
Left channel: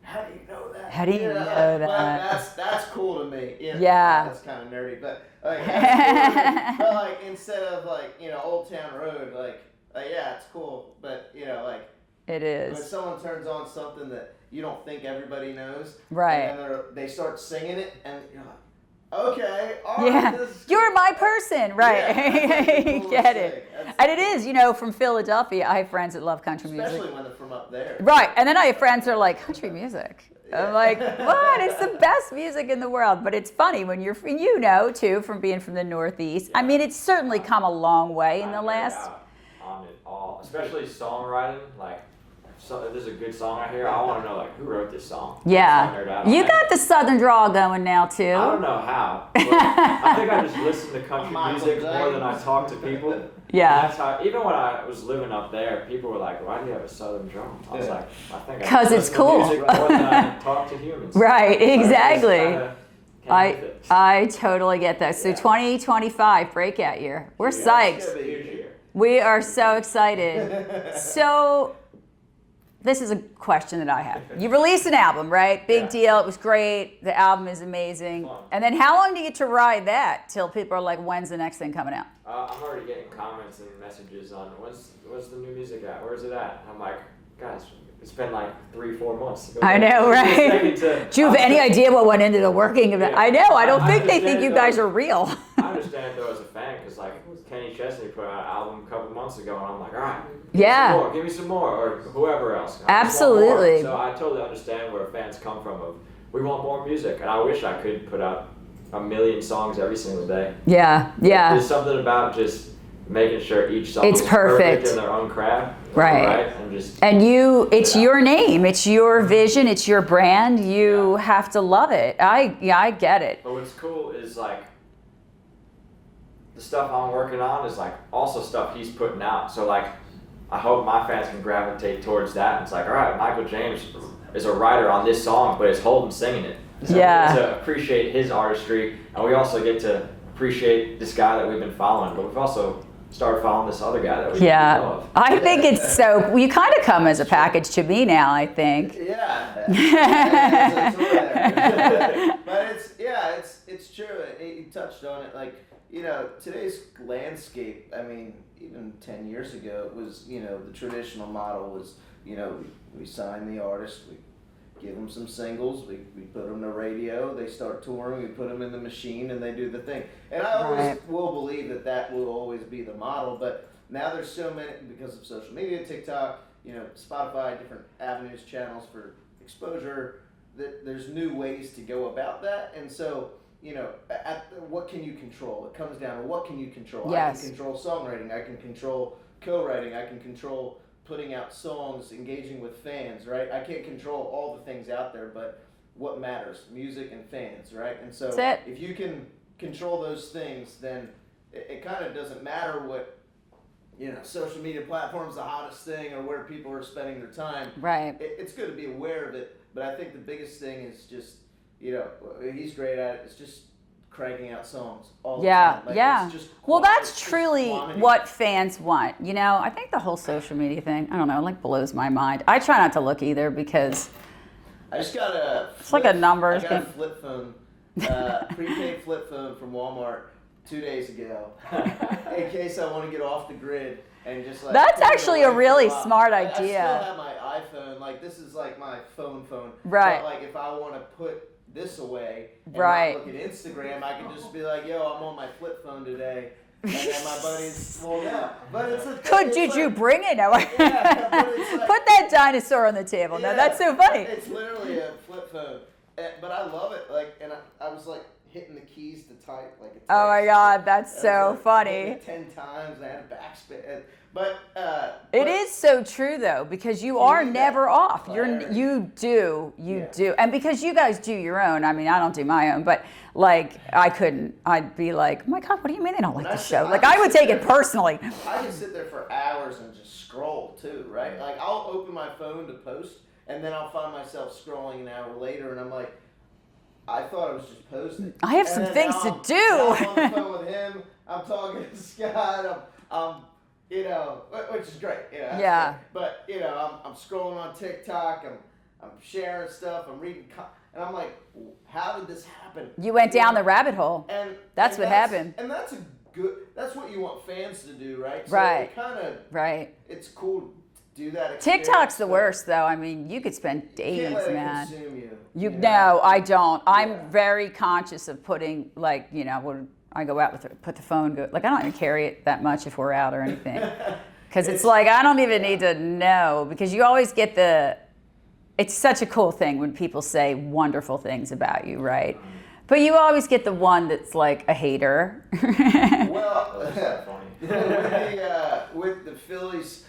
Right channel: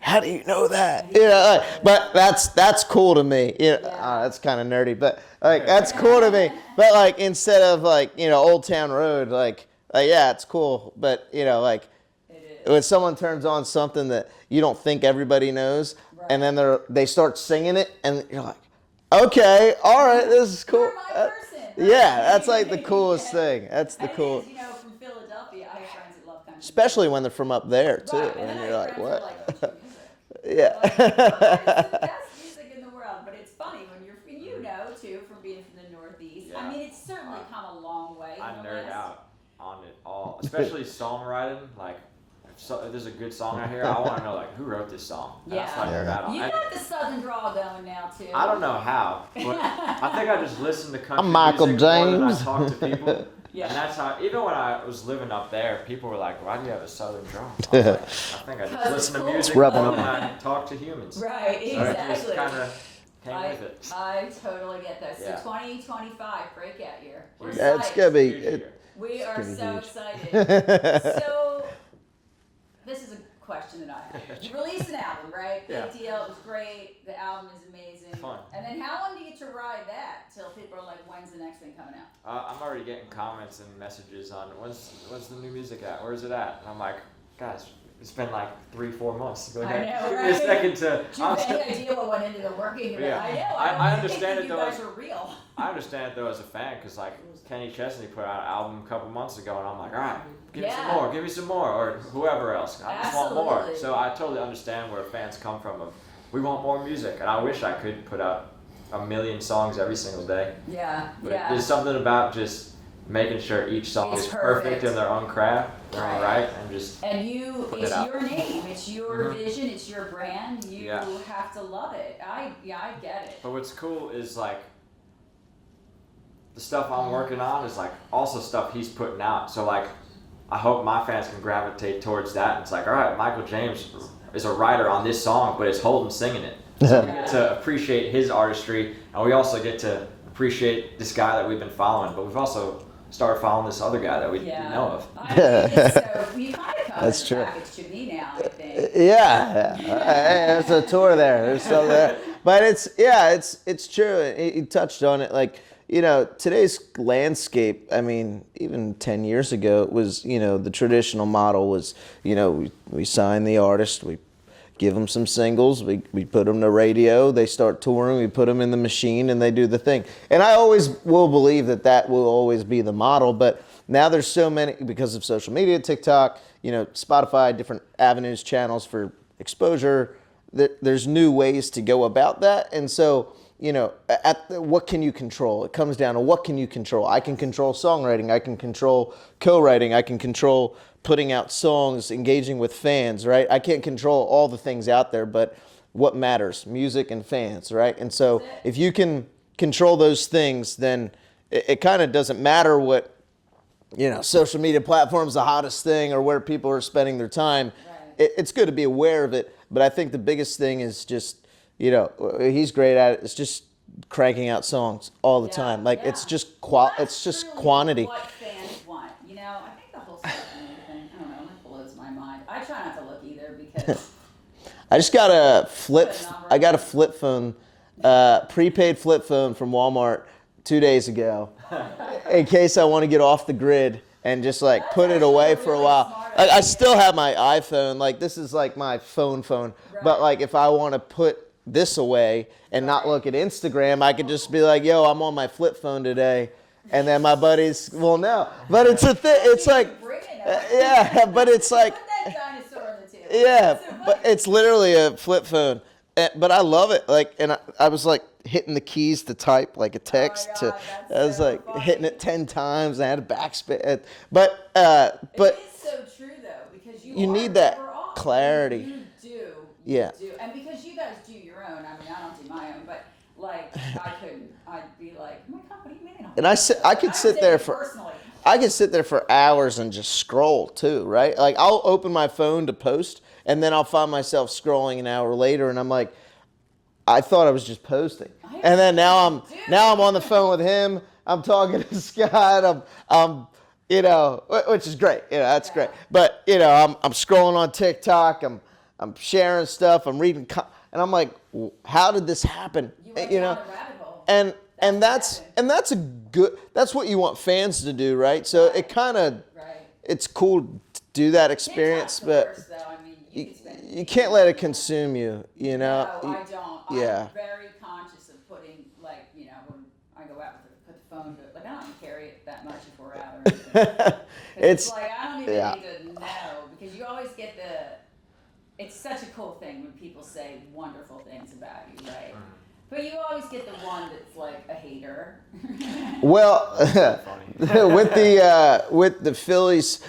how do you know that? How do you know that? But that's cool to me. You know, Yeah. that's kind of nerdy, but like that's cool to me. But like instead of like, you know, Old Town Road, like yeah, it's cool. But you know, like It is. when someone turns on something that you don't think everybody knows, Right. and then they start singing it, and you're like, okay, all right, Yeah. this is cool. You're my person, right? Yeah, that's like the You coolest get it. thing. That's the And it coolest- is, you know, from Philadelphia. I have friends that love country music. especially when they're from up there. Right, too. and then I have You're friends that are what? like, country music. Yeah. I'm like, what? It's the best music in the world. But it's funny when you know, too, from being from the Northeast. I mean, it's certainly come a long way in the I nerd last. out on it all, especially songwriting. Like, if there's a good song out here, I want to know like who wrote this song. Yeah. Nerd out on You it. got the Southern drawl going now, too. I don't know how. But I think I just listen to country I'm Michael music more than I James. talk to people. Yeah. And that's how. Even when I was living up there, people were like, "Why do you have a Southern drum?" I was like, I think I 'Cause just it's listen to cool. music It's more than I talk to humans. Right, So I just exactly. kinda came with it. I totally get that. So Yeah. 2025 breakout year. We're Yeah, it's gonna psyched. be. Huge year. We are so excited. So this is a question that I have. You released an album, right? Big Yeah. deal. It was great. The album is amazing. Fun. And then how long do you get to ride that till people are like, when's the next thing coming out? I'm already getting comments and messages on when's the new music at? Where's it at? I'm like, guys, it's been like 3-4 months. I know, Just right? taking to- Do you have any idea what went into the working of it? Yeah. I know. I don't I think they understand think it you though. guys are real. I understand it though as a fan, because like Kenny Chesney put out an album a couple months ago, and I'm like, all right, Yeah. give me some more, or whoever else. I just want more. Absolutely. So I totally understand where fans come from. Of we want more music, and I wish I could put out a million songs every single day. Yeah, yeah. There's something about just making sure each song It's is perfect. in their own craft. Right. And just And it's Yeah. your name, it's your vision, it's your brand. You have to love it. I get it. But what's cool is like the stuff I'm working on is like also stuff he's putting out. So like I hope my fans can gravitate towards that. It's like, all right, Michael James is a writer on this song, but it's Holdyn singing it. Yeah. To appreciate his artistry, and we also get to appreciate this guy that we've been following, but we've also started following this other guy that we know Yeah. of. I think it's so, you kind of come as a That's true. package to me now, I think. Yeah, there's a tour there. There's some of that. But it's true. You touched on it. Like, you know, today's landscape, I mean, even 10 years ago, it was, you know, the traditional model was, you know, we sign the artist, we give them some singles, we put them to radio, they start touring, we put them in the machine, and they do the thing. And I always will believe that will always be the model, but now there's so many, because of social media, TikTok, you know, Spotify, different avenues, channels for exposure, there's new ways to go about that. And so, you know, what can you control? It comes down to what can you control? I can Yes. control songwriting, I can control co-writing, I can control putting out songs, engaging with fans, right? I can't control all the things out there, but what matters? Music and fans, right? And so That's it. if you can control those things, then it kind of doesn't matter what, you know, social media platform's the hottest thing or where people are spending their time. Right. It's good to be aware of it, but I think the biggest thing is just, you know, he's great at it. It's just cranking out songs all the time. Like it's just well, that's it's just truly quantity. what fans want. You know, I think the whole social media thing, I don't know, it like blows my mind. I try not to look either because I just got a flip. like a number I got a thing. flip phone, prepaid flip phone from Walmart 2 days ago, in case I want to get off the grid and just like That's put it actually away a really for a while. smart I idea. still have my iPhone. Like this is like my phone. Right. But like if I want to put this away and Right. not look at Instagram, I could just be like, "Yo, I'm on my flip phone today." And then my buddies will know. But it's a thing. But It's did like, you bring it? No. yeah, but it's like Put that dinosaur on the table. No, yeah, that's so funny. It's literally a flip phone. But I love it. Like, and I was like hitting the keys to type like a text. Oh my God, that's I was so like funny. Hitting it 10 times. I had a backspin. But It is so true though, because you are need that never off. clarity. You do. Yeah. And because you guys do your own, I mean, I don't do my own, but like I couldn't. I'd be like, oh my God, what do you mean they don't like And I the sit- show? I Like could I would sit take there it for- personally. I could sit there for hours and just scroll too, right? Like I'll open my phone to post, and then I'll find myself scrolling an hour later, and I'm like, I thought I was just posting. I have and some then things now to do. Now I'm on the phone with him. I'm talking to Scott. I'm you know, which is great. You know, that's Yeah. great. But you know, I'm scrolling on TikTok. I'm sharing stuff. I'm reading, and I'm like, how did this happen? You went You down know? the rabbit hole. And That's and what that's happened. and that's a good. That's what you want fans to do, right? So Right. it kind of Right. it's cool to do that experience. TikTok's the but worst though. I mean, you could spend You days, can't let it man. consume you. You know? No, I don't. Yeah. I'm very conscious of putting, like, you know, when I go out with put the phone, like I don't even carry it that much if we're out or anything. Because it's like I don't even yeah. need to know, because you always get it's such a cool thing when people say wonderful things about you, right? But you always get the one that's like a hater. Well, with the Phillies,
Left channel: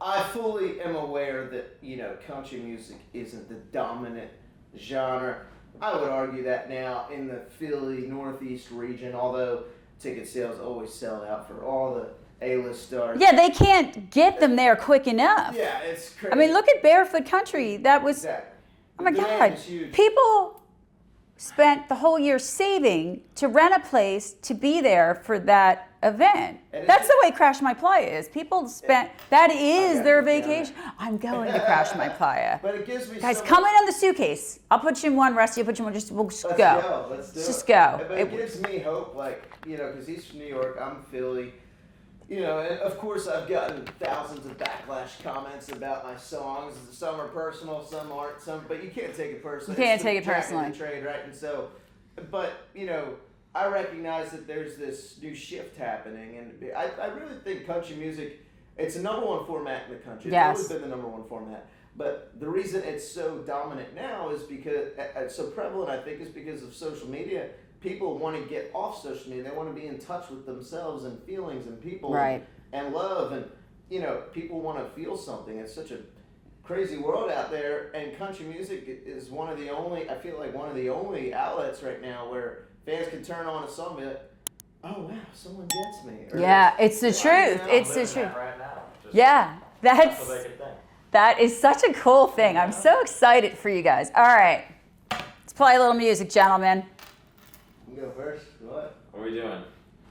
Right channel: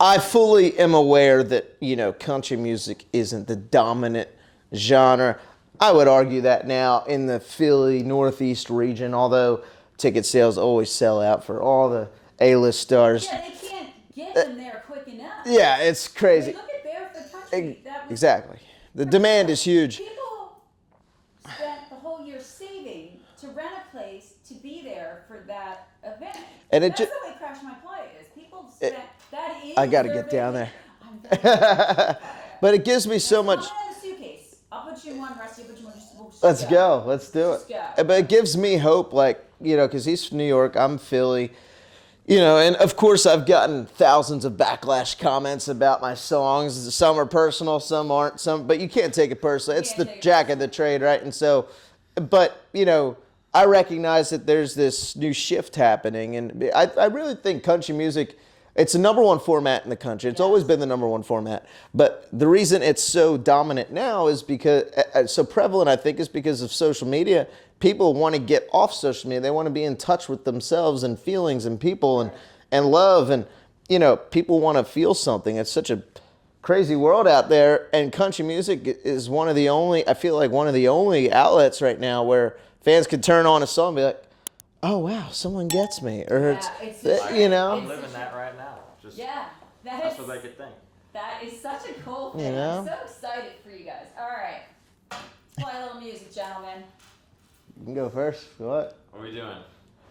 I fully am aware that, you know, country music isn't the dominant genre. I would argue that now in the Philly Northeast region, although ticket sales always sell out for all the A-list stars. Yeah, they can't get them there quick enough. Yeah, it's crazy. I mean, look at Barefoot Country. That was exactly. The Oh my demand God. is huge. People spent the whole year saving to rent a place to be there for that event. And it That's ju- the way Crash My Playa is. People spent, that is gotta their get down vacation. I'm going to Crash My Playa. But it gives me Guys, so much. come in on the suitcase. I'll put you in one, Rusty. I'll put you in one. We'll just Let's go. Let's do it. Just go. But it gives me hope, like, you know, because he's from New York, I'm Philly. You know, and of course I've gotten thousands of backlash comments about my songs. Some are personal, some aren't. But you can't take it personally. You can't It's the take it jack of the personally. trade, right? And so, but you know, I recognize that there's this new shift happening, and I really think country music. It's the number one format in the country. It's Yes. always been the number one format. But the reason it's so dominant now is because, so prevalent, I think, is because of social media. People want to get off social media. They want to be in touch with themselves and feelings and people Right. and love. And, you know, people want to feel something. It's such a crazy world out there. And country music is one of the only, I feel like one of the only outlets right now where fans can turn on a song and be like, oh, wow, someone gets me. Or Yeah, it's the you truth. know? It's Living the truth. that right now. Just, Yeah, that's what they could think. that is such a cool thing. I'm Yeah. so excited for you guys. All right, let's play a little music, gentlemen. You can go first. What? What are we doing?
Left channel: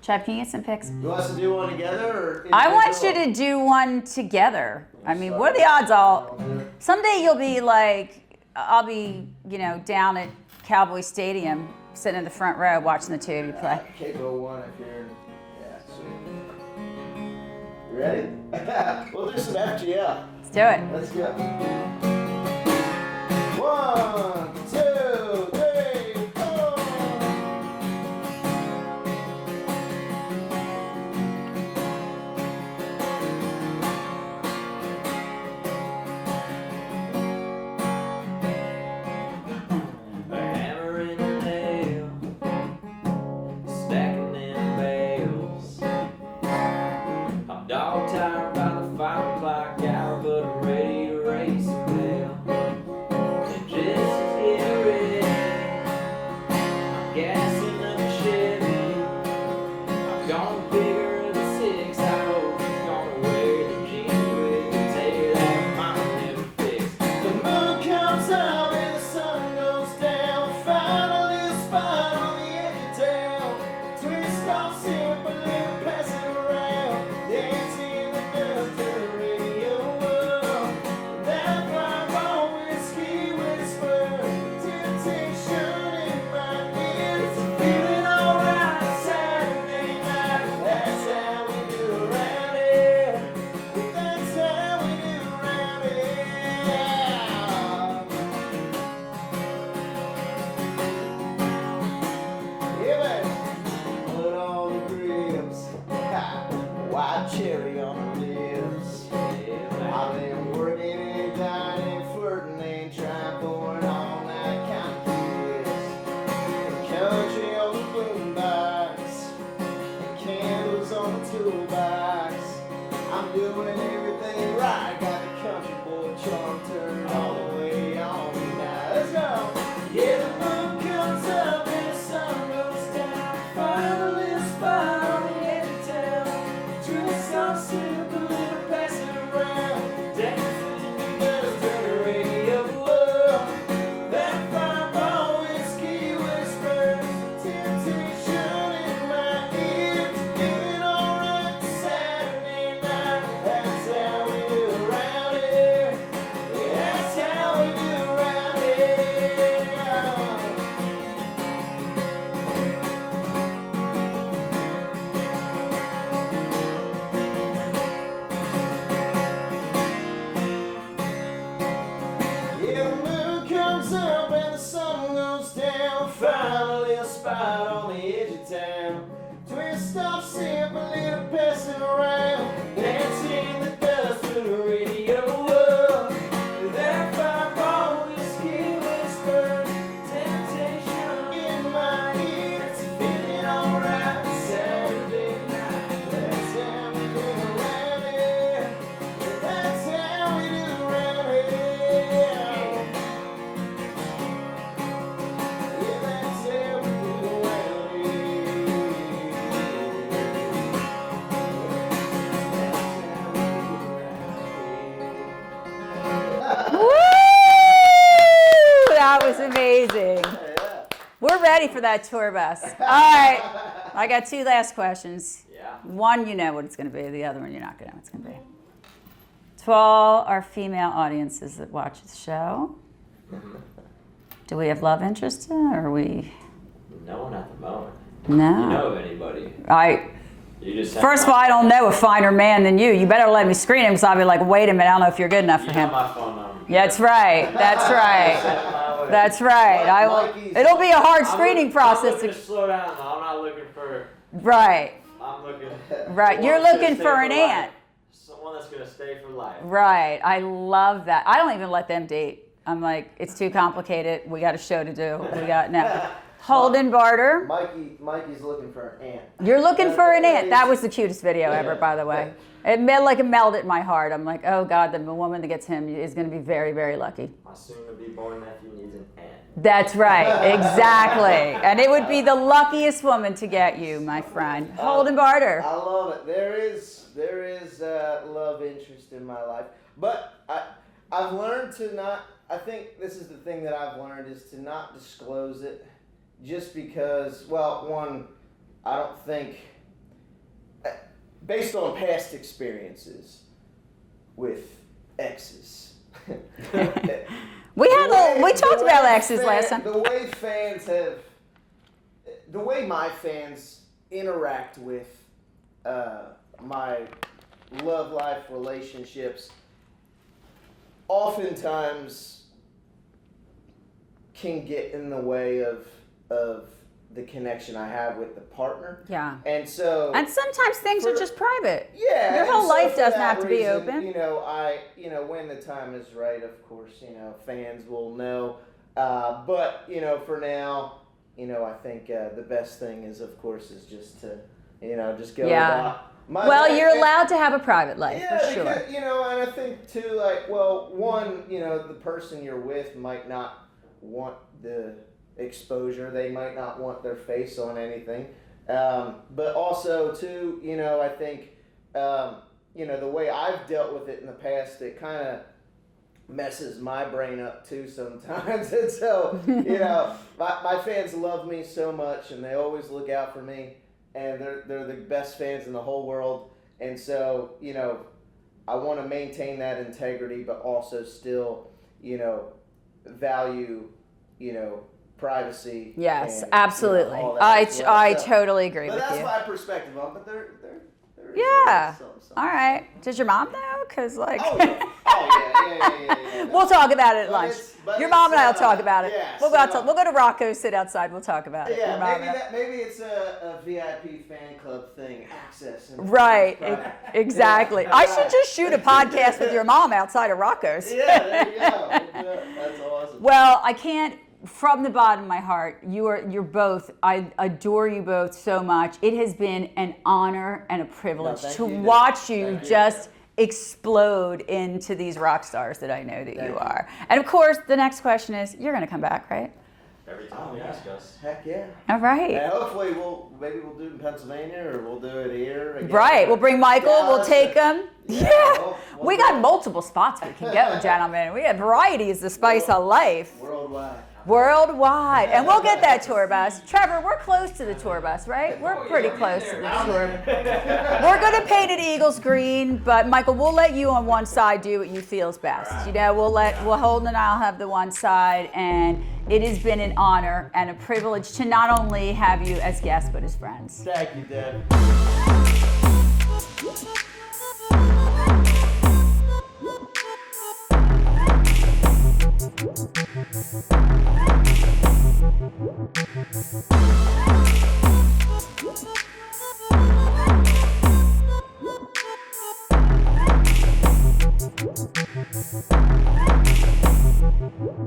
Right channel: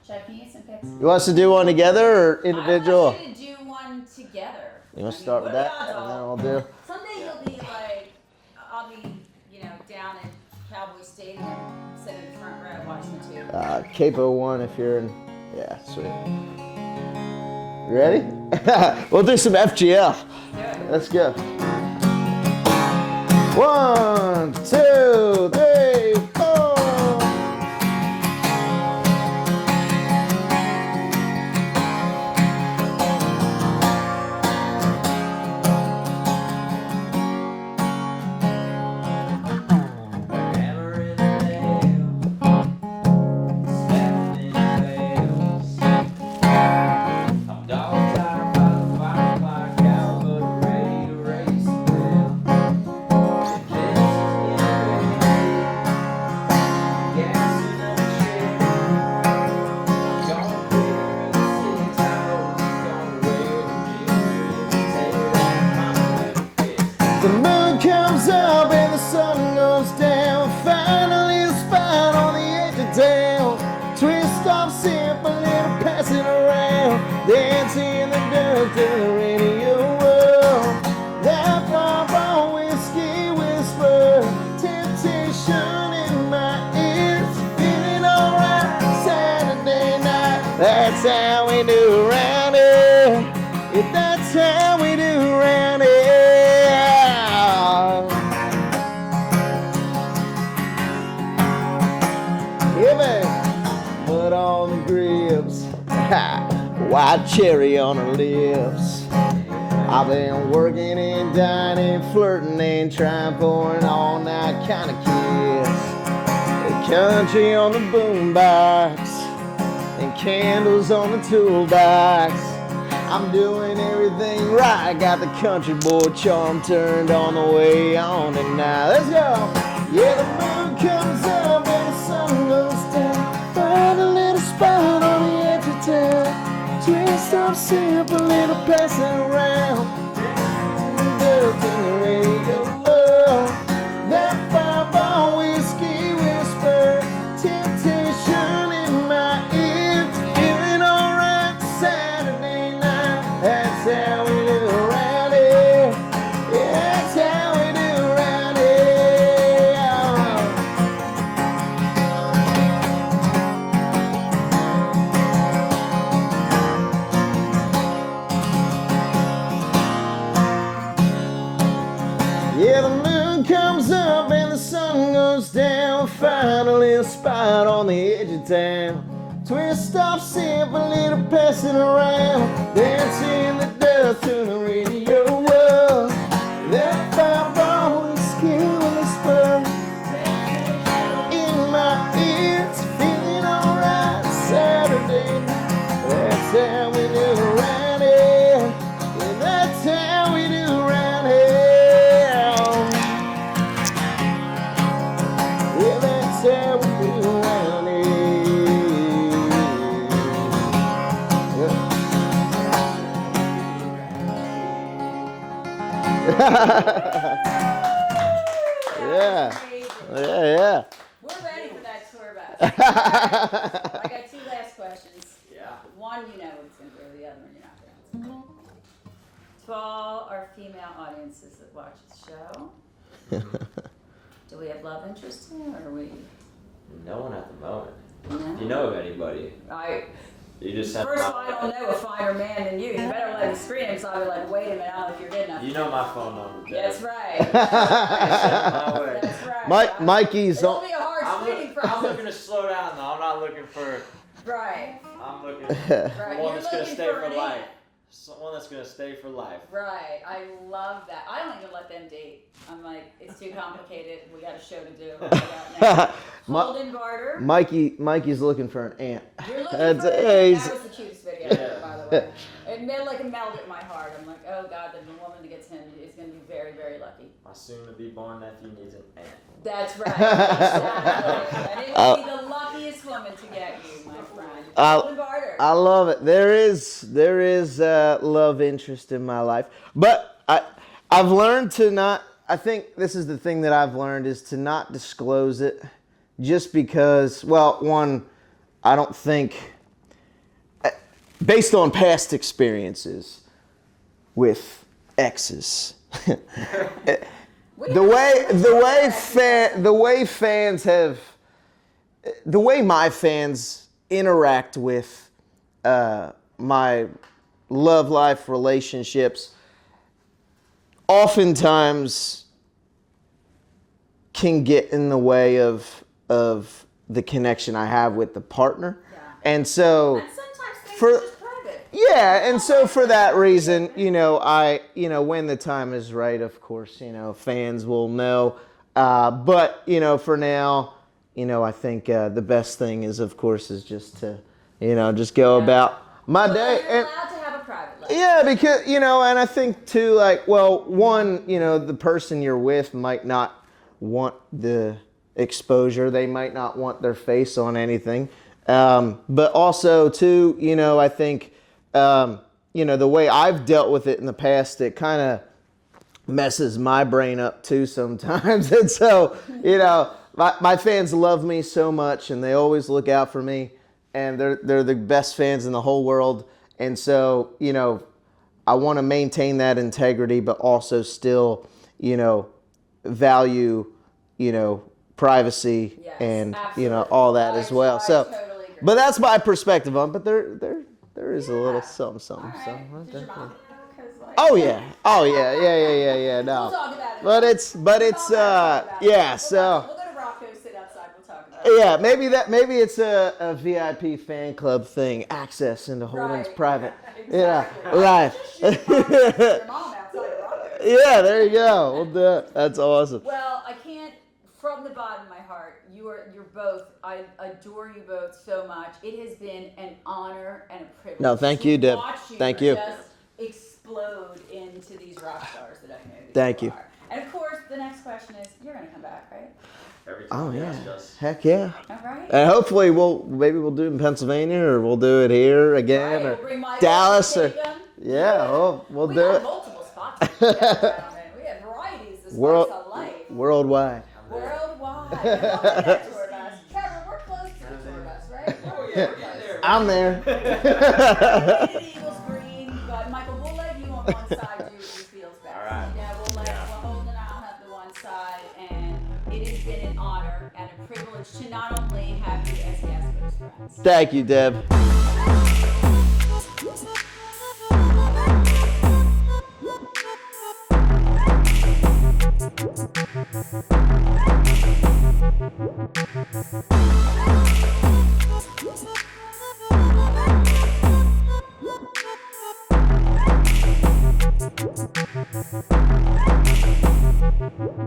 Chad, can you get some pics? You want us to do one together or individual? I want you to do one together. You I wanna mean, start what are with the that, odds? and then I'll do. Someday you'll be like, I'll be, you know, down at Cowboy Stadium, sitting in the front row watching the two. Capo 1 if you're in. Yeah, sweet. You ready? We'll do some FGL. Let's do it. Let's go. 1, 2, 3, 4. Hammer in the nail, stacking in bales. I'm dog tired by the firefly gal, but a radio racing bell. And just as getting ready Yeah, man. Mud on the grips. White cherry on her lips. I've been working and dining, flirting and trying for an all-night kind of kiss. Country on the boombox and candles on the toolbox. I'm doing everything right. Got the country boy charm turned on the way on tonight. Let's go. Yeah, the moon comes up and the sun goes down. Find a little spot on the edge of town. Dressed up simple, little passing around. Dancing to the radio. That fireball whiskey whisper. Temptation in my ear. Feeling alright Saturday night. That's how we do around here. Yeah, that's how we do around here. Yeah, the moon comes up and the sun goes down. Finally a spot on the edge of town. Twist off simple, little passing around. Dancing the dust to the radio. Whoa. That fireball whiskey whisper. In my ears, feeling alright Saturday night. That's how we do around here. Yeah, that's how we do around here. Yeah, that's how we do around here. That was Yeah. amazing. Yeah. We're ready for that tour bus. All right. I got two last questions. Yeah. One, you know what it's going to be. The other one, you're not going to know what it's going to be. To all our female audiences that watch the show, do we have love interests or are we? No one at the moment. No. You know of anybody? You just First of all, I don't know a finer man than you. You better let me screen him because I'll be like, wait a minute, I don't know if you're good enough You for know him. my phone number. That's right. That's right. That's right. Mikey's. It'll be a hard screening I'm process. looking to slow down though. I'm not looking for. Right. I'm looking. Right. one You're that's gonna looking stay for an life. aunt. Someone that's gonna stay for life. Right. I love that. I don't even let them date. I'm like, it's too complicated. We got a show to do. We got now. Holdyn Barder. Mikey's looking for an aunt. You're looking That's for an aunt. That amazing. was the cutest video ever, by the way. It melted in my heart. I'm like, oh God, the woman that gets him is going to be very, very lucky. My soon-to-be-born nephew needs an aunt. That's right, exactly. And it would be the luckiest woman to get you, my friend. Holdyn Barder. I love it. There is love interest in my life, but I've learned to not. I think this is the thing that I've learned is to not disclose it, just because. Well, one, I don't think, based on past experiences with exes. We talked about exes last time. The way my fans interact with my love life relationships oftentimes can get in the way of the connection I have with the partner. Yeah. And so And sometimes things for- are just private. yeah, Your and whole so life for doesn't have that to be reason, open. when the time is right, of course, fans will know. But for now, I think the best thing is, of course, is just to, just go Yeah. about my Well, day. you're And- allowed to have a private life. yeah, for because sure. and I think too, one, the person you're with might not want the exposure. They might not want their face on anything. But also too, I think, the way I've dealt with it in the past, it kind of messes my brain up too sometimes. And so, my fans love me so much, and they always look out for me, and they're the best fans in the whole world. And so, I want to maintain that integrity, but also still, value, privacy, Yes, and absolutely. all that as well. I So- totally agree. But with that's you. my perspective on. But there is a little Yeah. something. All right. So, Does your mom know? Because like. Oh yeah. No. We'll talk about it. At But lunch. it's but Your it's mom and I'll talk about it. yeah. We'll go to Rocco's, sit outside. We'll talk about it. Yeah, maybe it's a VIP fan club thing, access into Right. private. Exactly. Yeah, I right. should just shoot a podcast with your mom outside of Rocco's. Yeah, there you go. We'll do it. That's awesome. Well, I can't. From the bottom of my heart, you're both. I adore you both so much. It has been an honor and a privilege thank to you, Deb. watch you, Thank you. just explode into these rock stars that I know that Thank you. are. And of course, the next question is, you're going to come back, right? Every time you ask us. Heck yeah. All right. And hopefully maybe we'll do it in Pennsylvania or we'll do it here again. Right, or we'll bring Michael, Dallas we'll take or- him. Yeah, we'll we do got it. multiple spots we can go, gentlemen. We have varieties, the spice of life. Worldwide. Worldwide. And we'll get that tour bus. Trevor, we're close to the tour bus, right? We're pretty close to the I'm there. We're going to paint it Eagles green, but Michael, we'll let you on one side do what you feel is best. You know, we'll Holden and I'll have the one side, and it has been an honor and a privilege to not only have you as guests, but as friends. Thank you, Deb. We'll be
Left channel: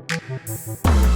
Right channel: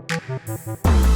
right back.